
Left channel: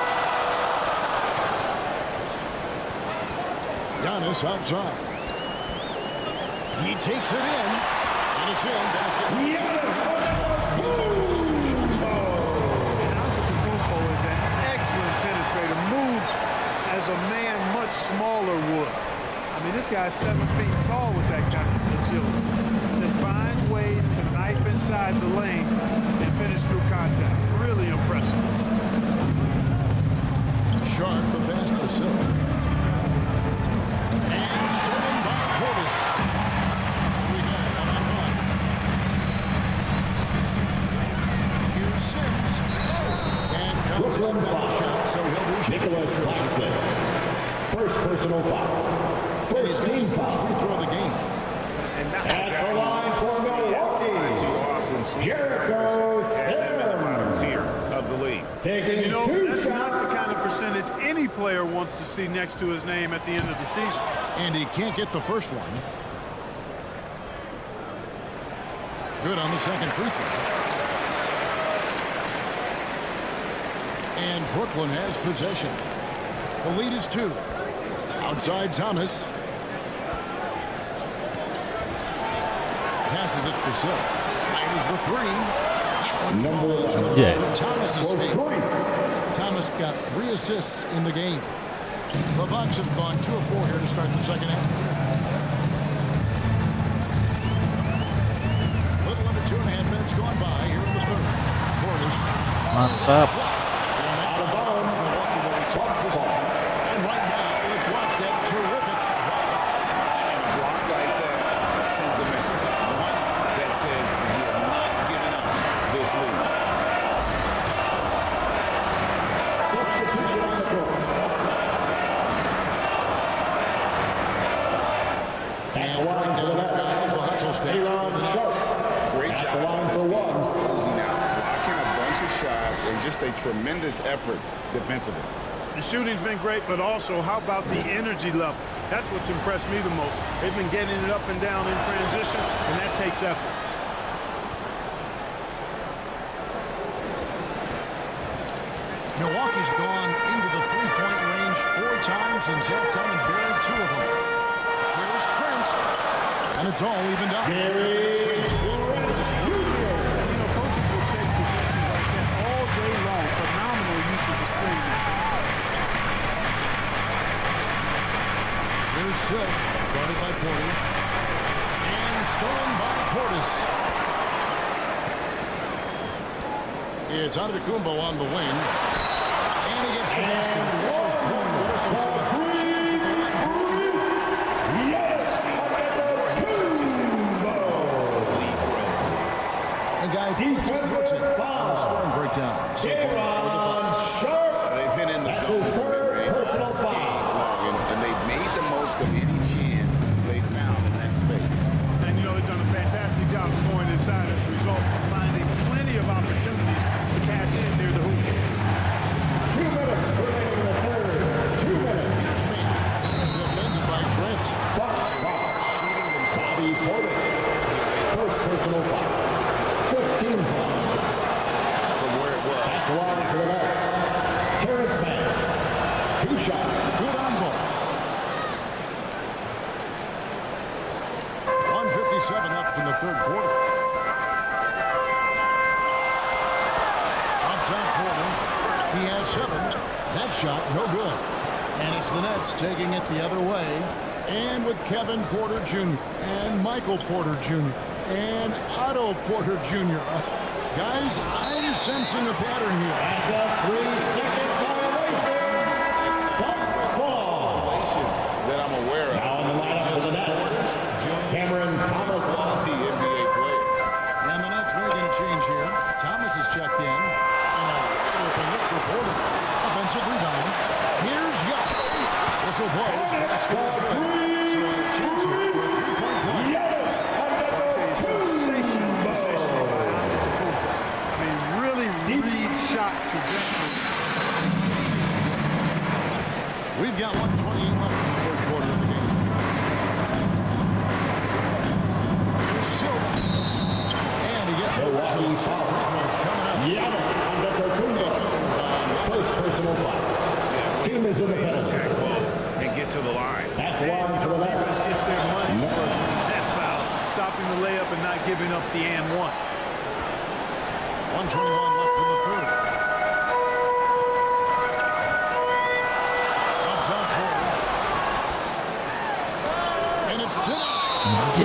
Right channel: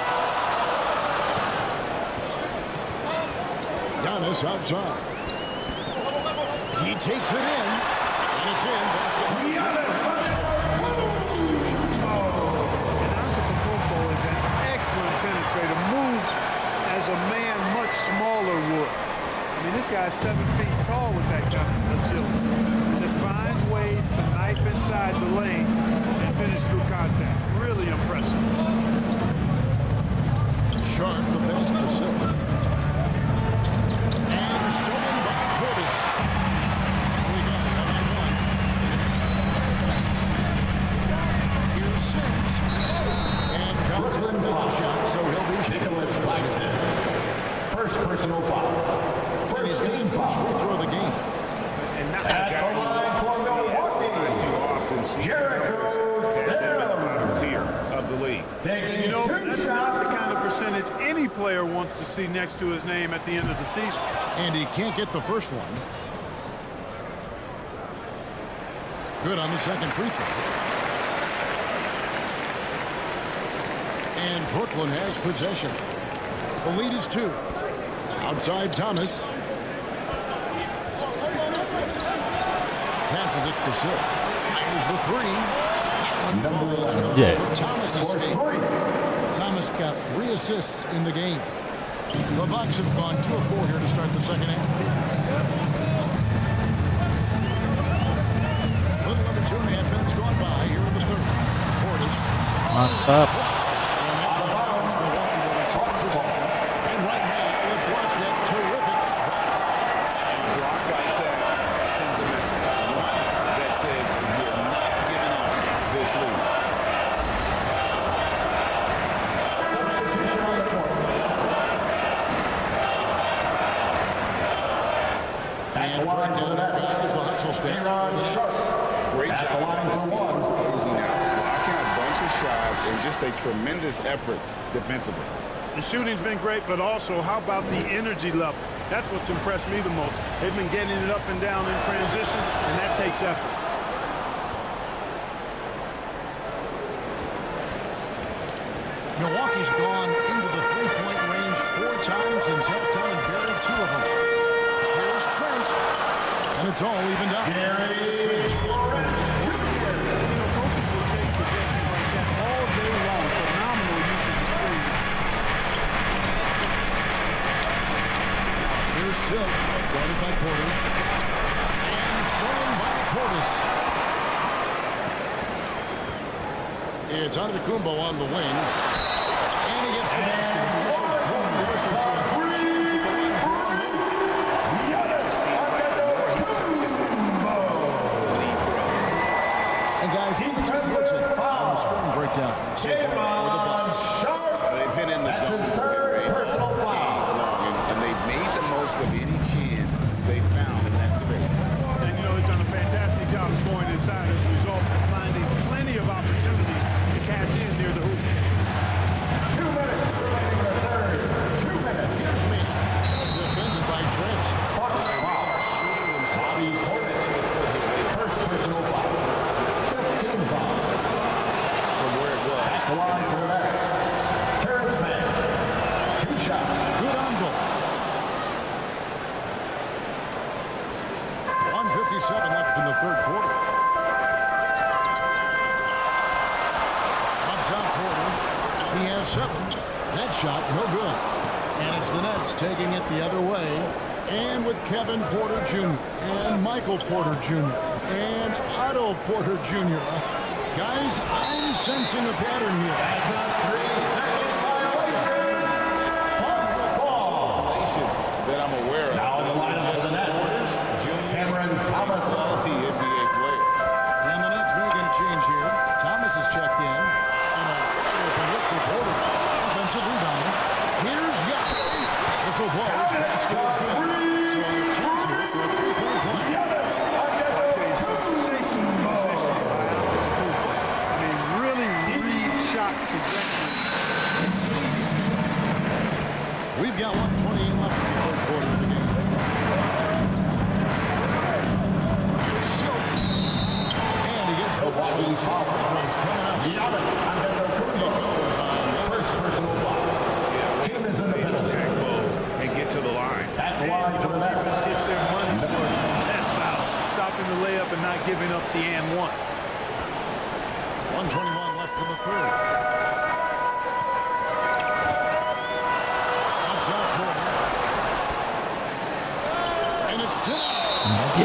Giannis outside. He takes it in. And it's in. Basket number 6 for him. He has only missed 2 shots from the floor. And Antetokounmpo is an excellent penetrator. Moves as a man much smaller would. I mean, this guy's 7 feet tall with that kind of agility. Just finds ways to knife inside the lane and finish through contact. Really impressive. Sharp, the pass to Silk. And stolen by Portis. Here we go, 1-on-1. Here's Sims. And counts him down the shot, so he'll be shooting. Nicholas Claxton. First personal foul. And he's got his first free throw of the game. And not At the guy the line you want for to see it Milwaukee, too often. Jericho has him in the bottom tier of the league. taking You know, 2 that's not the shots. kind of percentage any player wants to see next to his name at the end of the season. And he can't get the first one. Good on the second free throw. And Brooklyn has possession. The lead is 2. Outside Thomas. Passes it to Silk. Fires the 3. That one falls. Yeah. Thomas's favor. Thomas got 3 assists in the game. The Bucks have gone 2 of 4 here to start the second half. A little under 2.5 minutes gone by here in the third. Portis. Mantap. And that bounds. Milwaukee will retain possession. And right now, let's watch that terrific swat. And a block like that sends a message. One that says we're not giving up this lead. Substitution on the court. At And the line right for down the there, Nets, guys, the hustle stage. Aaron Sharp. Great At job the line by this for team one. closing out, blocking a bunch of shots, and just a tremendous effort defensively. The shooting's been great, but also how about the energy level? That's what's impressed me the most. They've been getting it up and down in transition, and that takes effort. Milwaukee's gone into the three-point range 4 times since halftime and buried 2 of them. Here's Trent. And it's all evened up. Trent's good for this quarter. You know, coaches will take possessions like that all day long. Phenomenal use of the screen. Here's Silk, guarded by Porter. And stolen by Portis. It's Antetokounmpo on the wing. And he gets the basket. Officials blowing the whistle, so a chance at the line for one more. It just seems like the more he touches it, the lead grows. And And guys, let's get your take on the scoring breakdown so far for the Bucks. They've been in the zone for mid-range all game long, and they've made the most of any chance they found in that space. And, you know, they've done a fantastic job scoring inside as a result, finding plenty of opportunities to cash in near the hoop. 2 minutes remaining in the third. 2 minutes. Here's me. Defended by Trent. Bucks foul. Bobby Portis. First personal foul. 15 fouls. From where it was. Pass the line to the Nets. Terrence Mann. 2 shots. Good on both. 1:57 left in the third quarter. Up top, Porter. He has 7. That shot, no good. And it's the Nets taking it the other way. And with Kevin Porter Jr. and Michael Porter Jr. and Otto Porter Jr. Guys, I'm sensing a pattern here. That's a 3-second violation. Bucks ball. That I'm aware of. Now in the lineup for the Nets. Cameron Thomas. Quality NBA players. And the Nets making a change here. Thomas is checked in. And a wide open look for Porter. Offensive rebound. Here's Yaka. Whistle blows. Basket is good. So a chance here for a 3-point play. I tell you, sensational possession by Antetokounmpo. I mean, really read shot trajectory. Exceedingly well. We've got 1:28 left in the third quarter of the game. Here's Silk. And he gets the whistle. 2 free throws coming up. Giannis Antetokounmpo. Goes on First personal foul. Team is in the penalty. Attack bowl and get to the line. At the line for the Nets. Defense gets their money's worth from that foul, stopping the layup and not giving up the and one. 1:21 left in the third. Up top, Porter. And it's denied.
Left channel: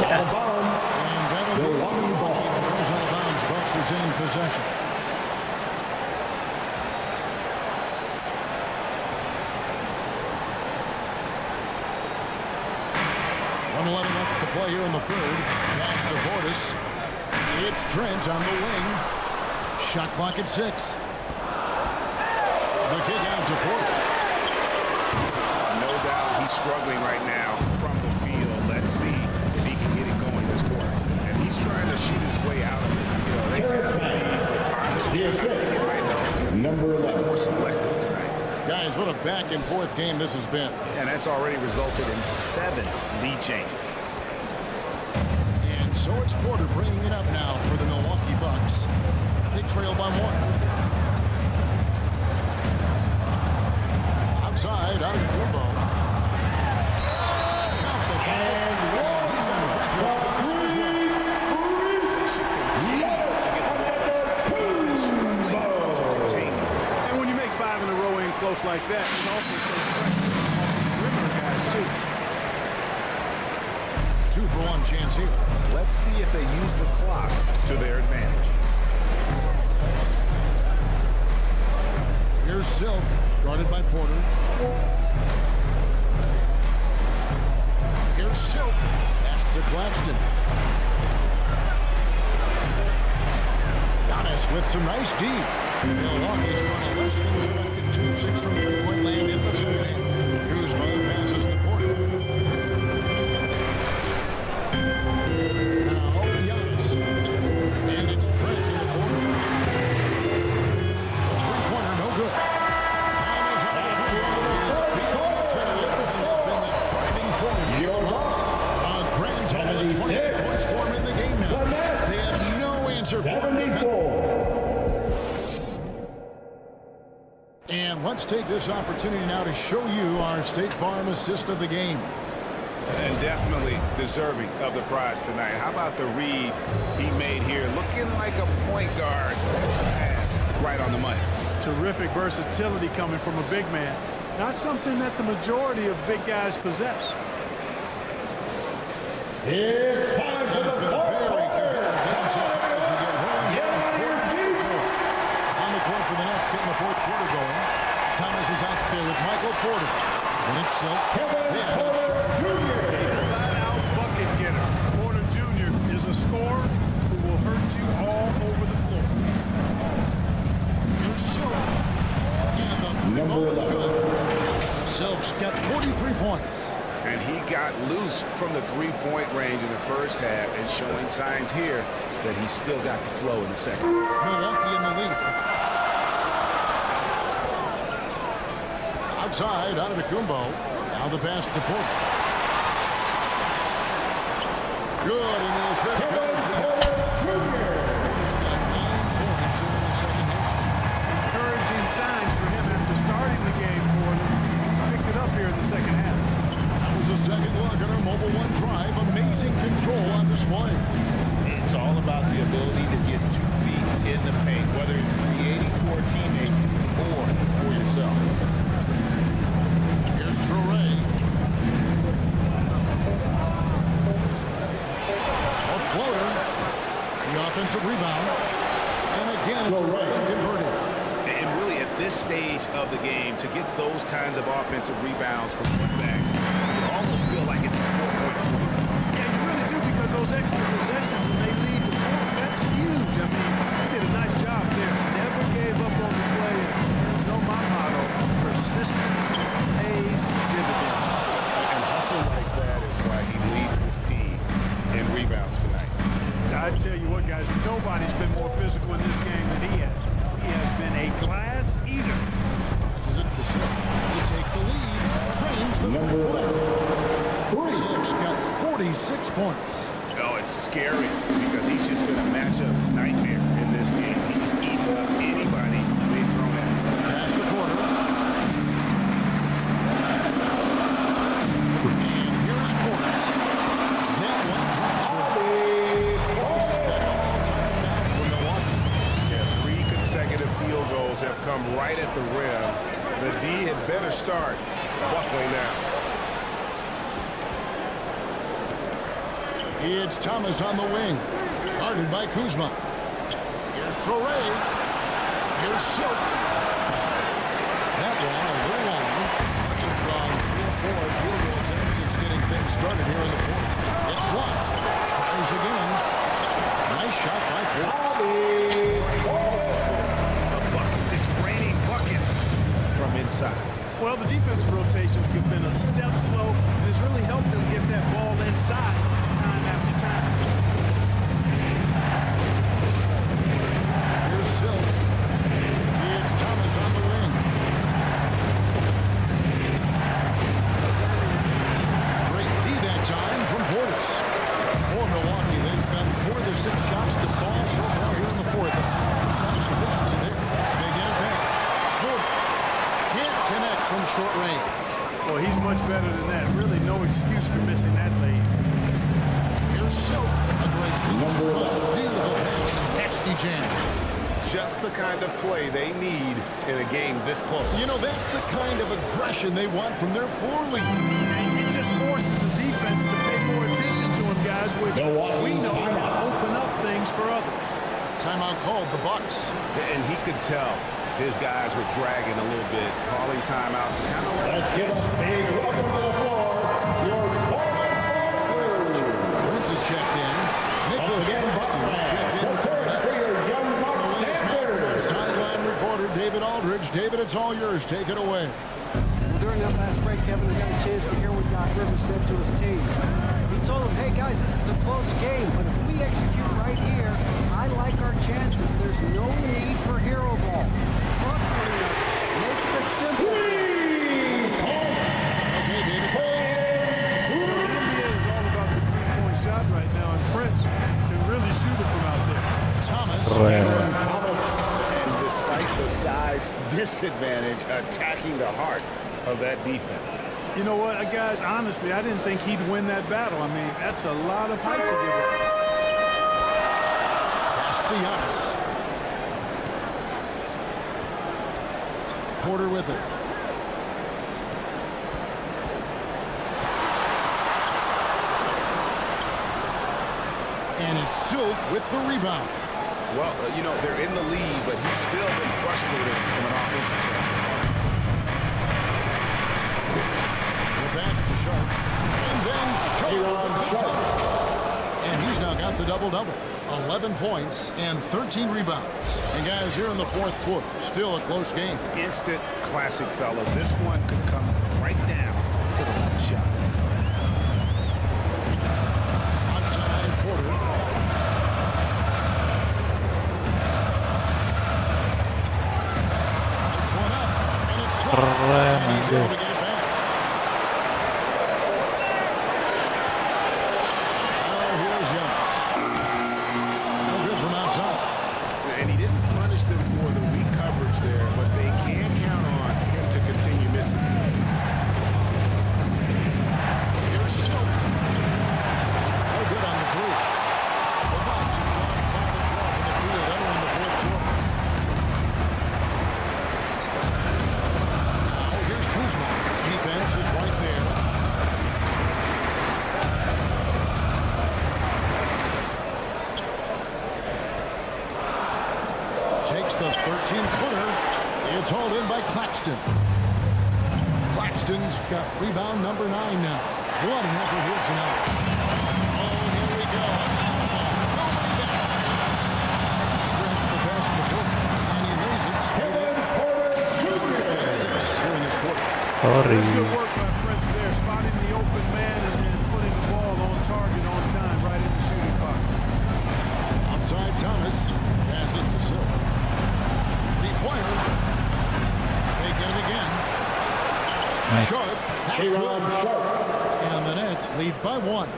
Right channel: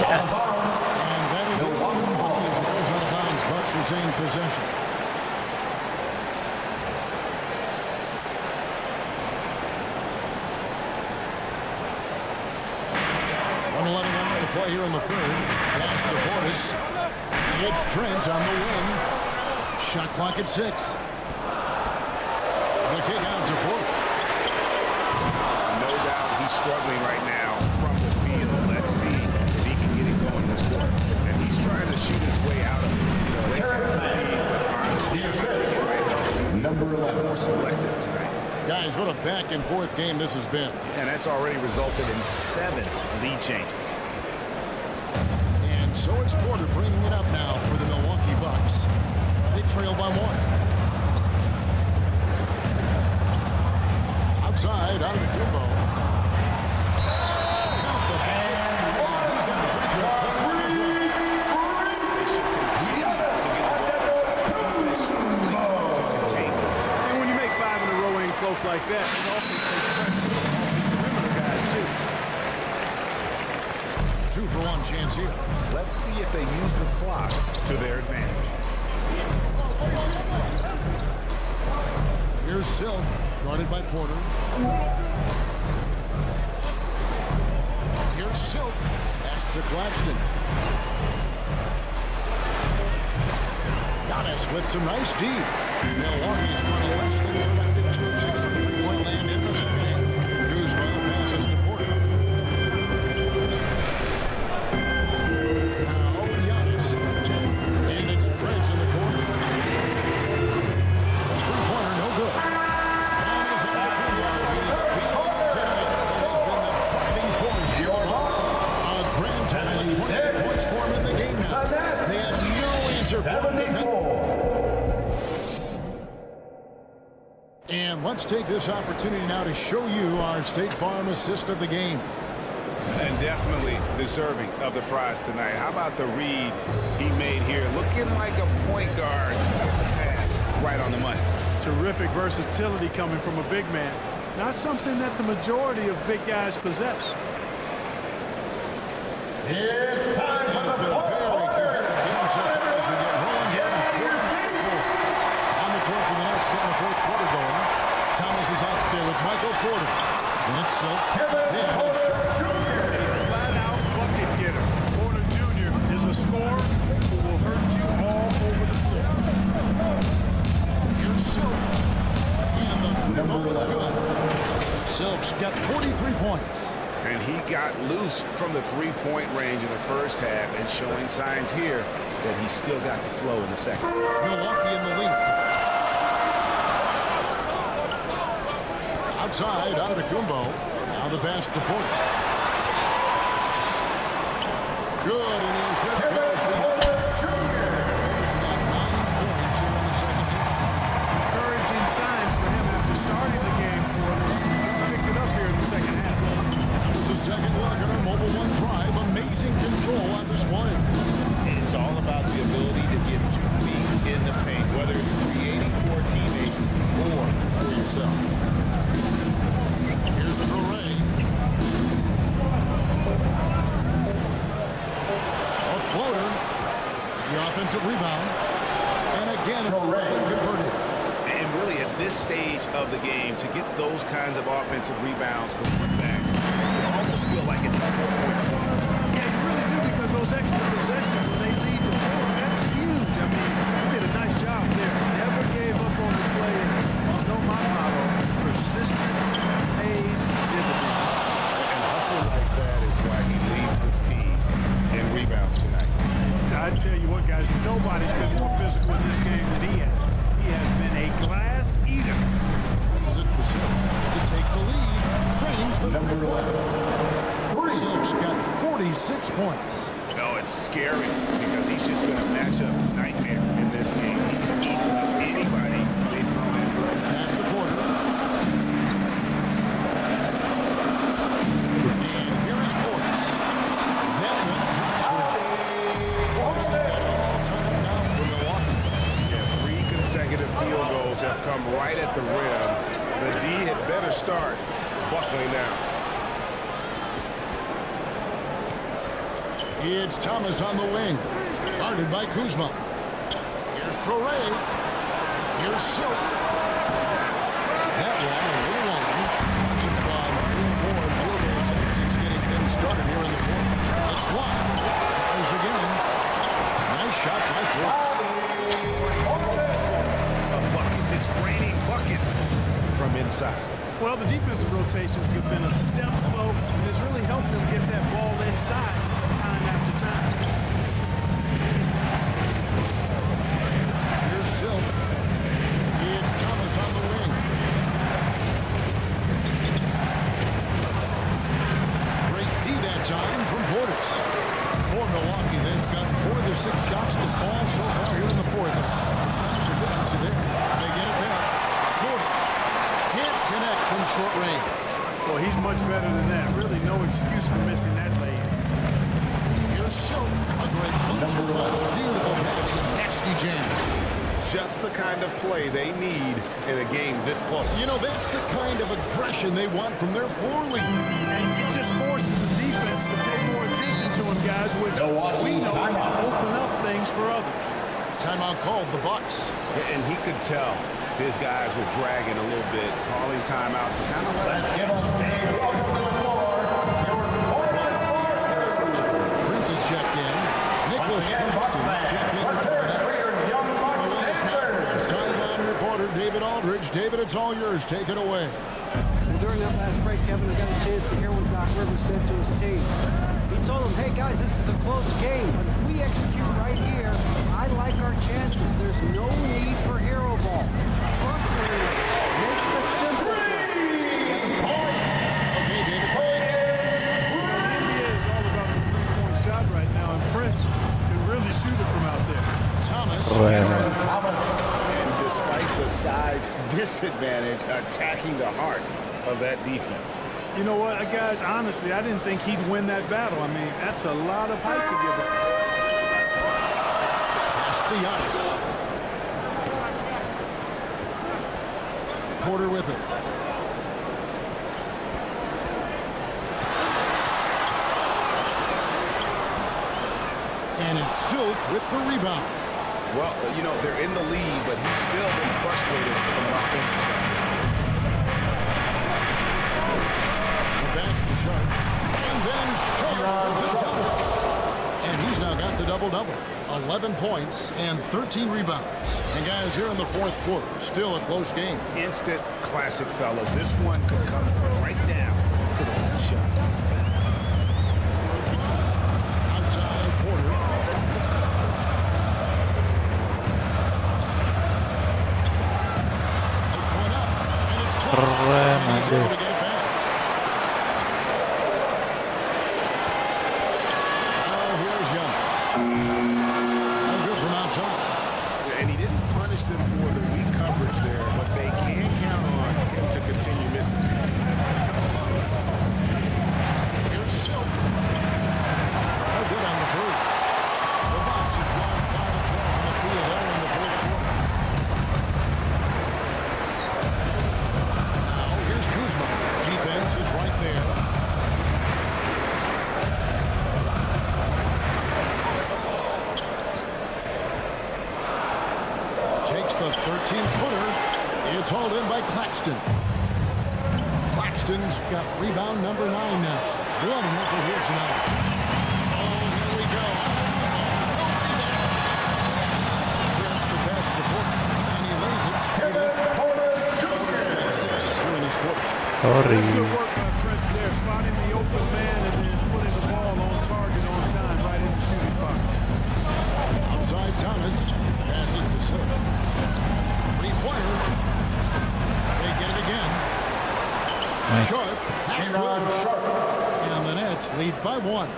And that'll be one Milwaukee as it goes out of bounds. Bucks retain possession. Left to play here in the third. Pass to Portis. It's Trent on the wing. Shot clock at 6. The kick out to Porter. No doubt he's struggling right now from the field. Let's see if he can get it going this quarter. And he's trying to shoot his way out of it. You know, they have the lead, but honestly, I think it might help if he Number 11. more selective tonight. Guys, what a back-and-forth game this has been. And that's already resulted in 7 lead changes. And so it's Porter bringing it up now for the Milwaukee Bucks. They trail by 1. Outside, out of the combo. Count the bucket. And he's got a free throw coming up as well. They should continue to get the ball inside. The defense struggling to contain them. And when you make 5 in a row in close like that, it also takes pressure off the perimeter guys, too. 2 for 1 chance here. Let's see if they use the clock to their advantage. Here's Silk, guarded by Porter. Here's Silk, pass to Claxton. Giannis with some nice D. Milwaukee's going to less than expected. 2 of 6 from three-point land in the second half. Kuzma passes to Porter. Now Giannis. And it's Trent in the corner. A three-pointer, no good. Giannis out of the corner. He's feeling it tonight. He has been the driving force for the Bucks. A grand total of 28 points for him in the game now. They have no answer for him defensively. And let's take this opportunity now to show you our State Farm assist of the game. And definitely deserving of the prize tonight. How about the read he made here? Looking like a point guard. Pass right on the money. Terrific versatility coming from a big man. Not something that the majority of big guys possess. It's time for And it's been a very competitive game so far as we get rolling here in quarter 4. On the court for the Nets, getting the fourth quarter going. Thomas is out there with Michael Porter. Then it's Silk. Then it's Sharp. A flat-out bucket getter. Porter Jr. is a scorer who will hurt you all over the floor. Here's Silk. And the three ball is good. Silk's got 43 points. And he got loose from the three-point range in the first half and showing signs here that he's still got the flow in the second. Milwaukee in the lead. Outside, out of the Kumbo. Now the pass to Porter. Good, and the assist goes Porter's got 9 points here in the second half. Encouraging signs for him after starting the game poorly. He's picked it up here in the second half. That was a second look at our Mobile One drive. Amazing control on display. It's all about the ability to get 2 feet in the paint, whether it's creating for a teammate or for yourself. Here's Torrey. A floater. The offensive rebound. And again, it's Brooklyn converted. And really, at this stage of the game, to get those kinds of offensive rebounds from putbacks, you almost feel like it's a 4-point swing. Yeah, you really do, because those extra possessions, when they lead to points, that's huge. I mean, he did a nice job there. Never gave up on the play. And you know my motto, persistence pays dividends. And hustle like that is why he leads this team in rebounds tonight. I tell you what, guys, nobody's been more physical in this game than he has. He has been a glass eater. Passes it to Silk to take the lead. Trains the three-pointer. Silk's got 46 points. Oh, it's scary because he's just been a matchup nightmare in this game. He's eaten up anybody they've thrown at him. Pass the Porter. And here is Portis. That one drops for him. Portis has got it all tied now for Milwaukee. Yeah, 3 consecutive field goals have come right at the rim. The D had better start buckling now. It's Thomas on the wing. Guarded by Kuzma. Here's Torrey. Here's Silk. That one a little long. Bucks have gone 3-4 in field goal attempts since getting things started here in the fourth. It's blocked. Tries again. Nice shot by Portis. Buckets. It's raining buckets from inside. Well, the defensive rotations have been a step slow, and it's really helped them get that ball inside time after time. Here's Silk. It's Thomas on the wing. Great D that time from Portis. For Milwaukee, they've gotten 4 of their 6 shots to fall so far here in the fourth. Nice efficiency there. They get it back. Porter can't connect from short range. Well, he's much better than that. Really no excuse for missing that lane. Here's Silk. A great boot-to punch. Beautiful pass and nasty jam. Just the kind of play they need in a game this close. You know, that's the kind of aggression they want from their floor lead. And it just forces the defense to pay more attention to him, guys, which we know can open up things for others. Timeout called, the Bucks. And he could tell his guys were dragging a little bit, calling timeout to kind of let Let's give a big welcome to the floor. Your forward Prince is checked in. Nicholas Claxton's checked in for the Nets. The latest now from our sideline reporter, David Aldridge. David, it's all yours. Take it away. Well, during that last break, Kevin, I got a chance to hear what Doc Rivers said to his team. He told them, hey, guys, this is a close game, but if we execute right here, I like our chances. There's no need for hero ball. Trust one another. Make the simple play. Okay, David, thanks. You know, the NBA is all about the three-point shot right now, and Prince can really shoot it from out there. Thomas. And despite the size disadvantage, attacking the heart of that defense. You know what, guys, honestly, I didn't think he'd win that battle. I mean, that's a lot of height to give up. Pass to Giannis. Porter with it. And it's Silk with the rebound. Well, you know, they're in the lead, but he's still been frustrated from an offensive standpoint. The pass to Sharp. And then Sharp with the dunk. And he's now got the double-double. 11 points and 13 rebounds. And guys, here in the fourth quarter, still a close game. Instant classic, fellas. This one could come right down to the last shot. Outside, Porter. Puts one up, and it's blocked. And he's able to get it back. Now here's Young. No good from outside. And he didn't punish them for the weak coverage there, but they can count on him to continue missing. Here's Silk. No good on the three. The Bucks have gone 5 of 12 from the field entering the fourth quarter. Now here's Kuzma. Defense is right there. Takes the 13-footer. It's hauled in by Claxton. Claxton's got rebound number 9 now. Bloody effort here tonight. Oh, here we go. Nobody back. Trent's the pass to Porter, and he lays it straight in. Porter's got 6 here in this quarter. That's good work by Prince there, spotting the open man and then putting the ball on target on time right in the shooting pocket. Outside Thomas. Passes to Silk. Three-pointer. They get it again. Nice. Sharp. That's good. And the Nets lead by 1.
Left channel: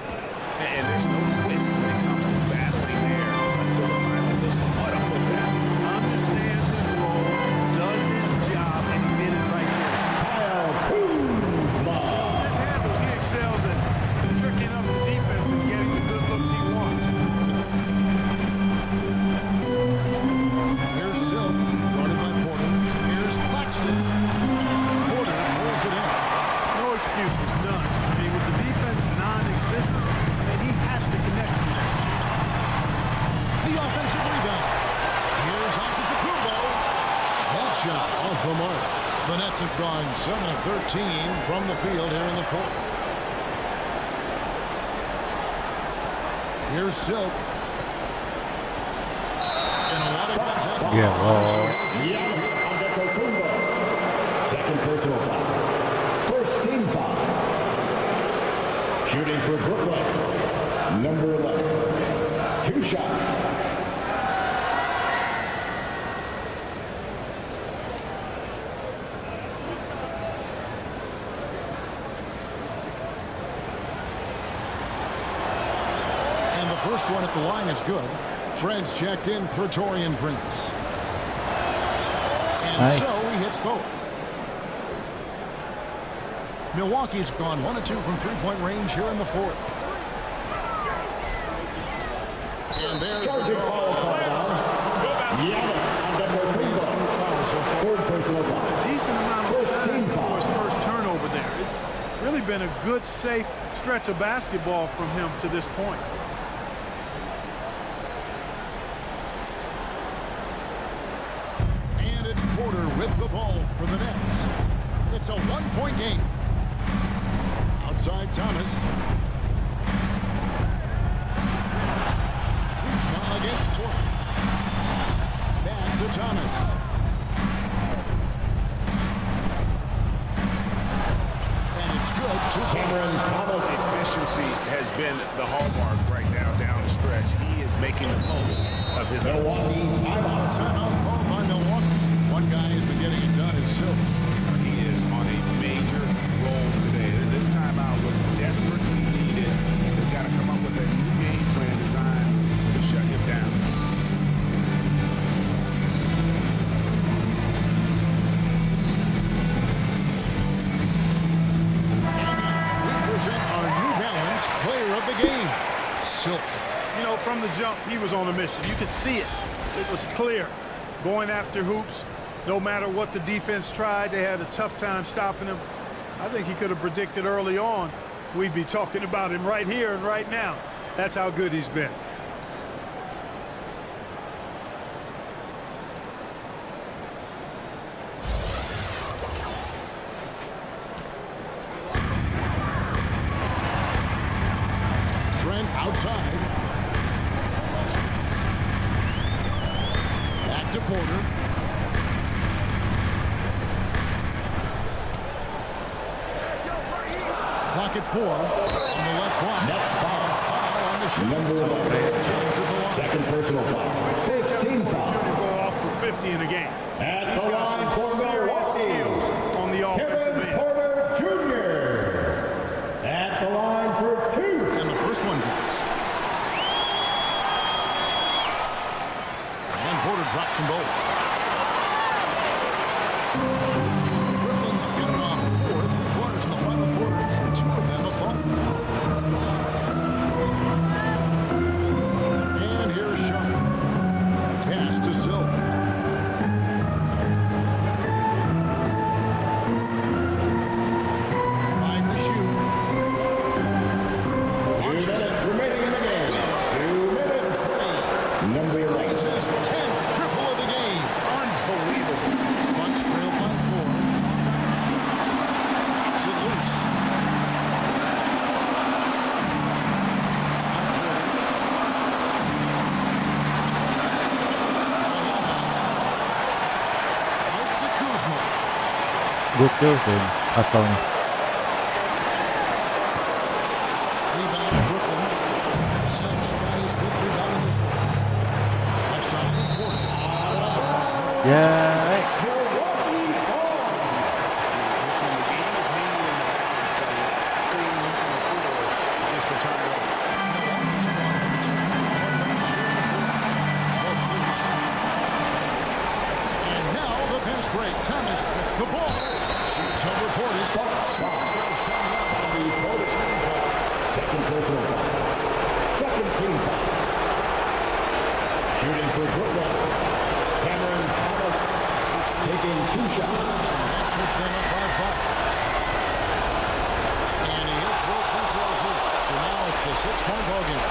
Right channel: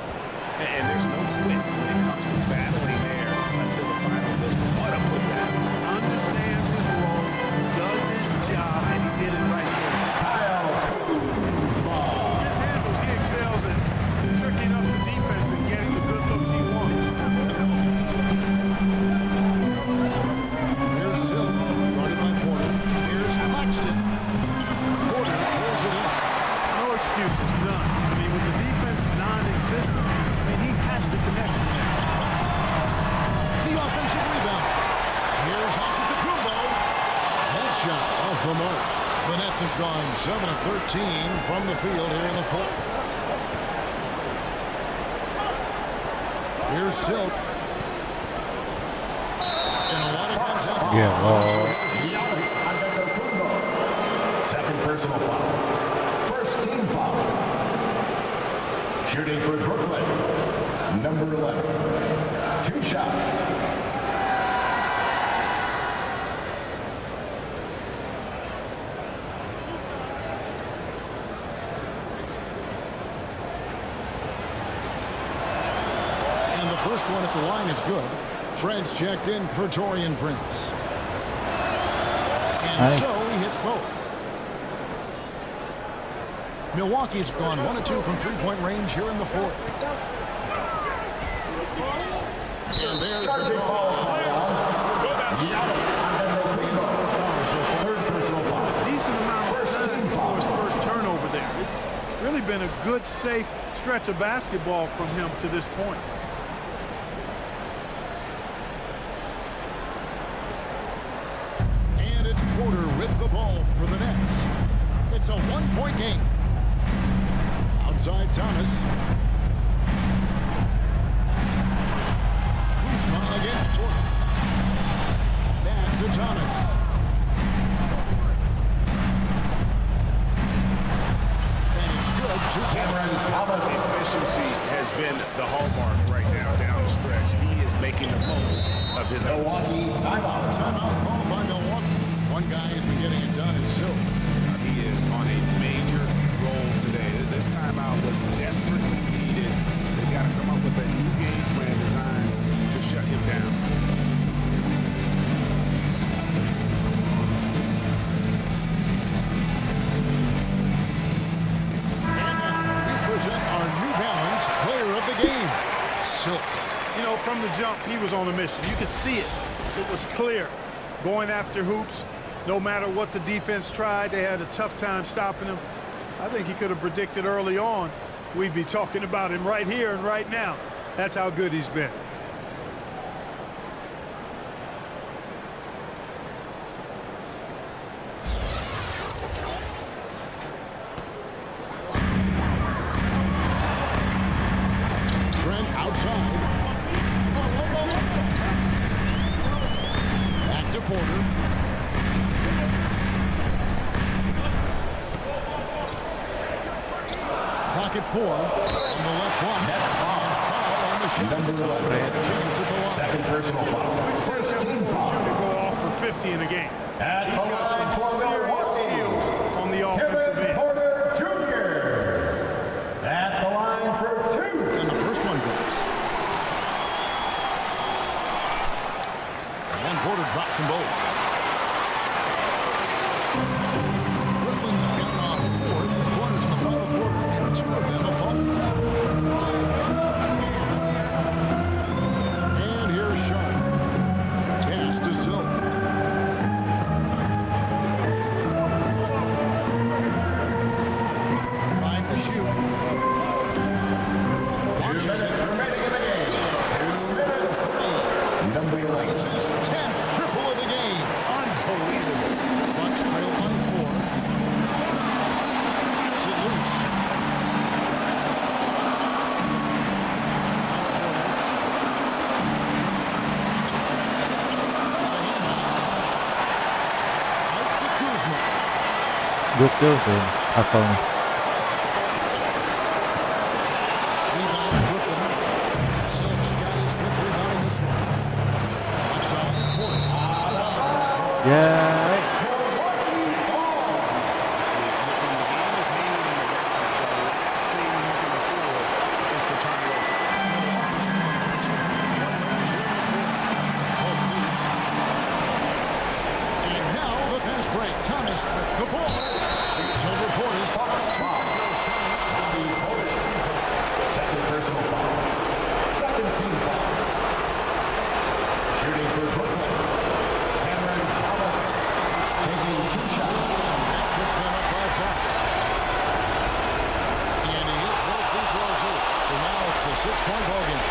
And there's no quit when it comes to battling there until the final whistle. What a putback. Understands his role, does his job, and he did it right there. With his handles, he excels at tricking up the defense and getting the good looks he wants. Here's Silk, guarded by Porter. Here's Claxton. Porter pulls it in. No excuses, none. I mean, with the defense non-existent, I mean, he has to connect from there. The offensive rebound. Here's Antetokounmpo. That shot off the mark. The Nets have gone 7 of 13 from the field here in the fourth. Here's Silk. And a lot of contact. Yeah, well. Second personal foul. First team foul. Shooting for Brooklyn, number 11. 2 shots. And the first one at the line is good. Trent's checked in for Taurean Prince. And Nice. so he hits both. Milwaukee's gone 1 of 2 from three-point range here in the fourth. And there's the draw. Third personal foul. A decent amount of time for his first turnover there. It's really been a good, safe stretch of basketball from him to this point. And it's Porter with the ball for the Nets. It's a 1-point game. Outside Thomas. Kuzma against Porter. Back to Thomas. And it's good. 2 points. Efficiency has been the hallmark right now down the stretch. He is making the most of his Milwaukee timeout. Timeout called by Milwaukee. One guy has been getting it done is Silk. He is on a major role today. This timeout was desperately needed. They've got to come up with a new game plan designed to shut him down. And now we present our New Balance player of the game, Silk. You know, from the jump, he was on a mission. You could see it. It was clear. Going after hoops, no matter what the defense tried, they had a tough time stopping him. I think he could have predicted early on we'd be talking about him right here and right now. That's how good he's been. Trent outside. Porter. Clock at 4 on the left block. Next foul. And foul on the shot. Number So 11. chance at the line. Second personal foul. First team foul. Jr. go off for 50 in a game. At He's the got line some for serious skills on the offensive Kevin end. Porter Jr. At the line for 2. And the first one drops. And Porter drops them both. Brooklyn's gotten off 4 3-quarters in the final quarter, and 2 of them have fallen. And here's Sharp. Pass to Silk. Find the shoot. 2 minutes remaining in the game. 2 minutes. Number 11. It's his 10th triple of the game. Unbelievable. Bucks trail by 4. Knocks it loose. Out Porter. Got a hand on it. Out to Kuzma. Gokil sih asalnya. Rebound to Brooklyn. Silk's got his 5th rebound in this one. Left side, Porter. Out of bounds. Ya, When the game is hanging in the balance, the last thing you can afford is to turn it over. Milwaukee's gone over 2 from 3-point range here in the 4th. Poke loose. And now the fast break. Thomas with the ball. Shoots over Portis. 2 free throws coming up. And the Portis team foul. Second personal foul. Second team foul. Shooting for Brooklyn. Cameron Thomas taking 2 shots. And that puts them up by 5. And he hits both free throws here. So now it's a 6-point ball game.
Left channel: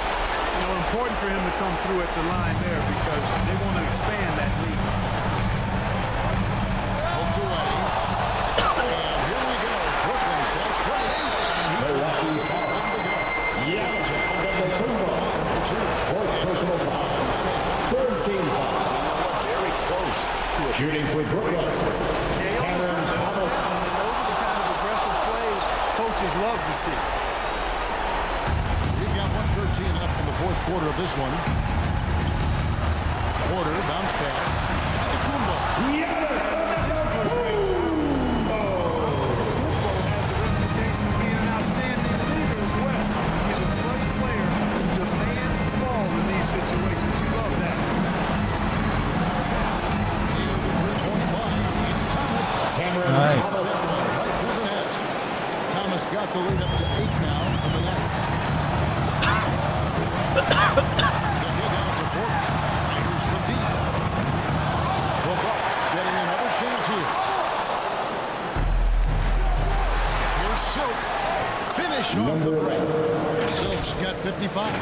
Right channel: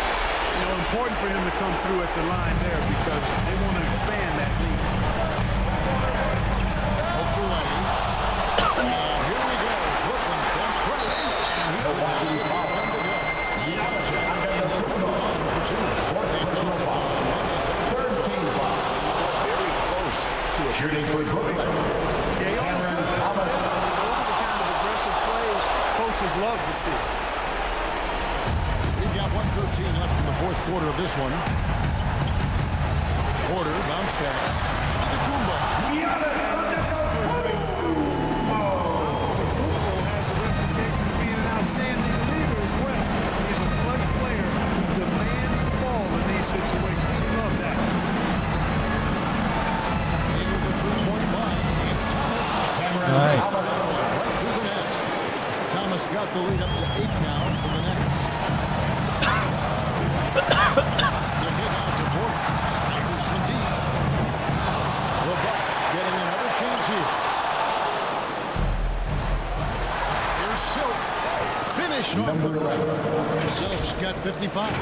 You know, important for him to come through at the line there because they want to expand that lead. Poked away. And here we go. Brooklyn fast break. And he could not get that one to go. Yeah, Jazz and the number 1 for 2. Fourth personal foul. Third team foul. You know what? Very close to a Shooting for Brooklyn. Yeah, he almost got that down. And those are the kind of aggressive plays coaches love to see. We've got 1:13 left in the 4th quarter of this one. Porter bounce pass. Into Kumbo. This was great time. Kumbo has the reputation of being an outstanding leader as well. He's a clutch player who demands the ball in these situations. You love that. Near the 3-point line. It's Thomas. Nice. That one right through the net. Thomas got the lead up to 8 now for the Nets. The kick out to Porter. Fires from deep. The Bucks getting another chance here. Here's Silk. Finish off the break. Silk's got 55.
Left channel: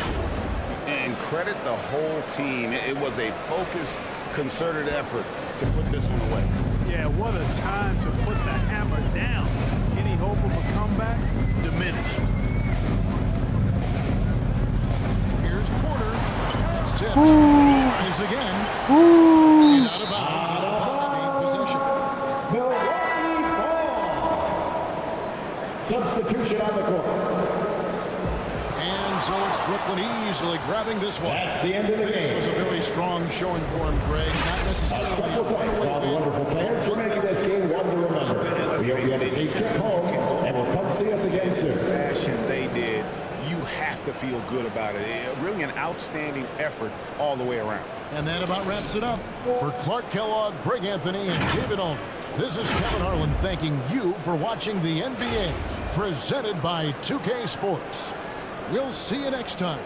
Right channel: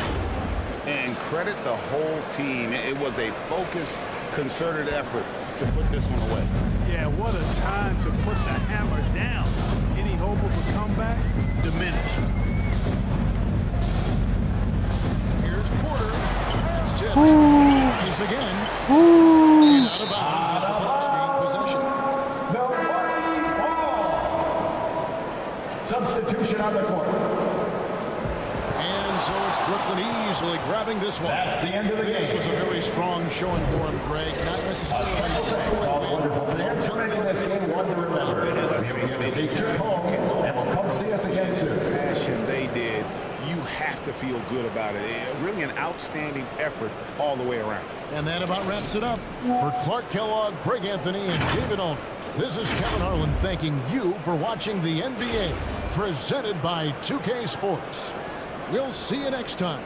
And credit the whole team. It was a focused, concerted effort to put this one away. Yeah, what a time to put the hammer down. Any hope of a comeback? Diminished. Here's Porter. That's tipped. Tries again. And out of bounds as the Bucks gain possession. Milwaukee ball. Substitution on the court. And so it's Brooklyn easily grabbing this one. That's the end of the This game. was a very strong showing for him, Greg. Not necessarily Special thanks to all the wonderful fans for making this game one to remember. We hope you had a safe trip home, and we'll come see us again soon. Fashion they did, you have to feel good about it. Really an outstanding effort all the way around. And that about wraps it up. For Clark Kellogg, Greg Anthony, and David Olney, this is Kevin Harlan thanking you for watching the NBA, presented by 2K Sports. We'll see you next time.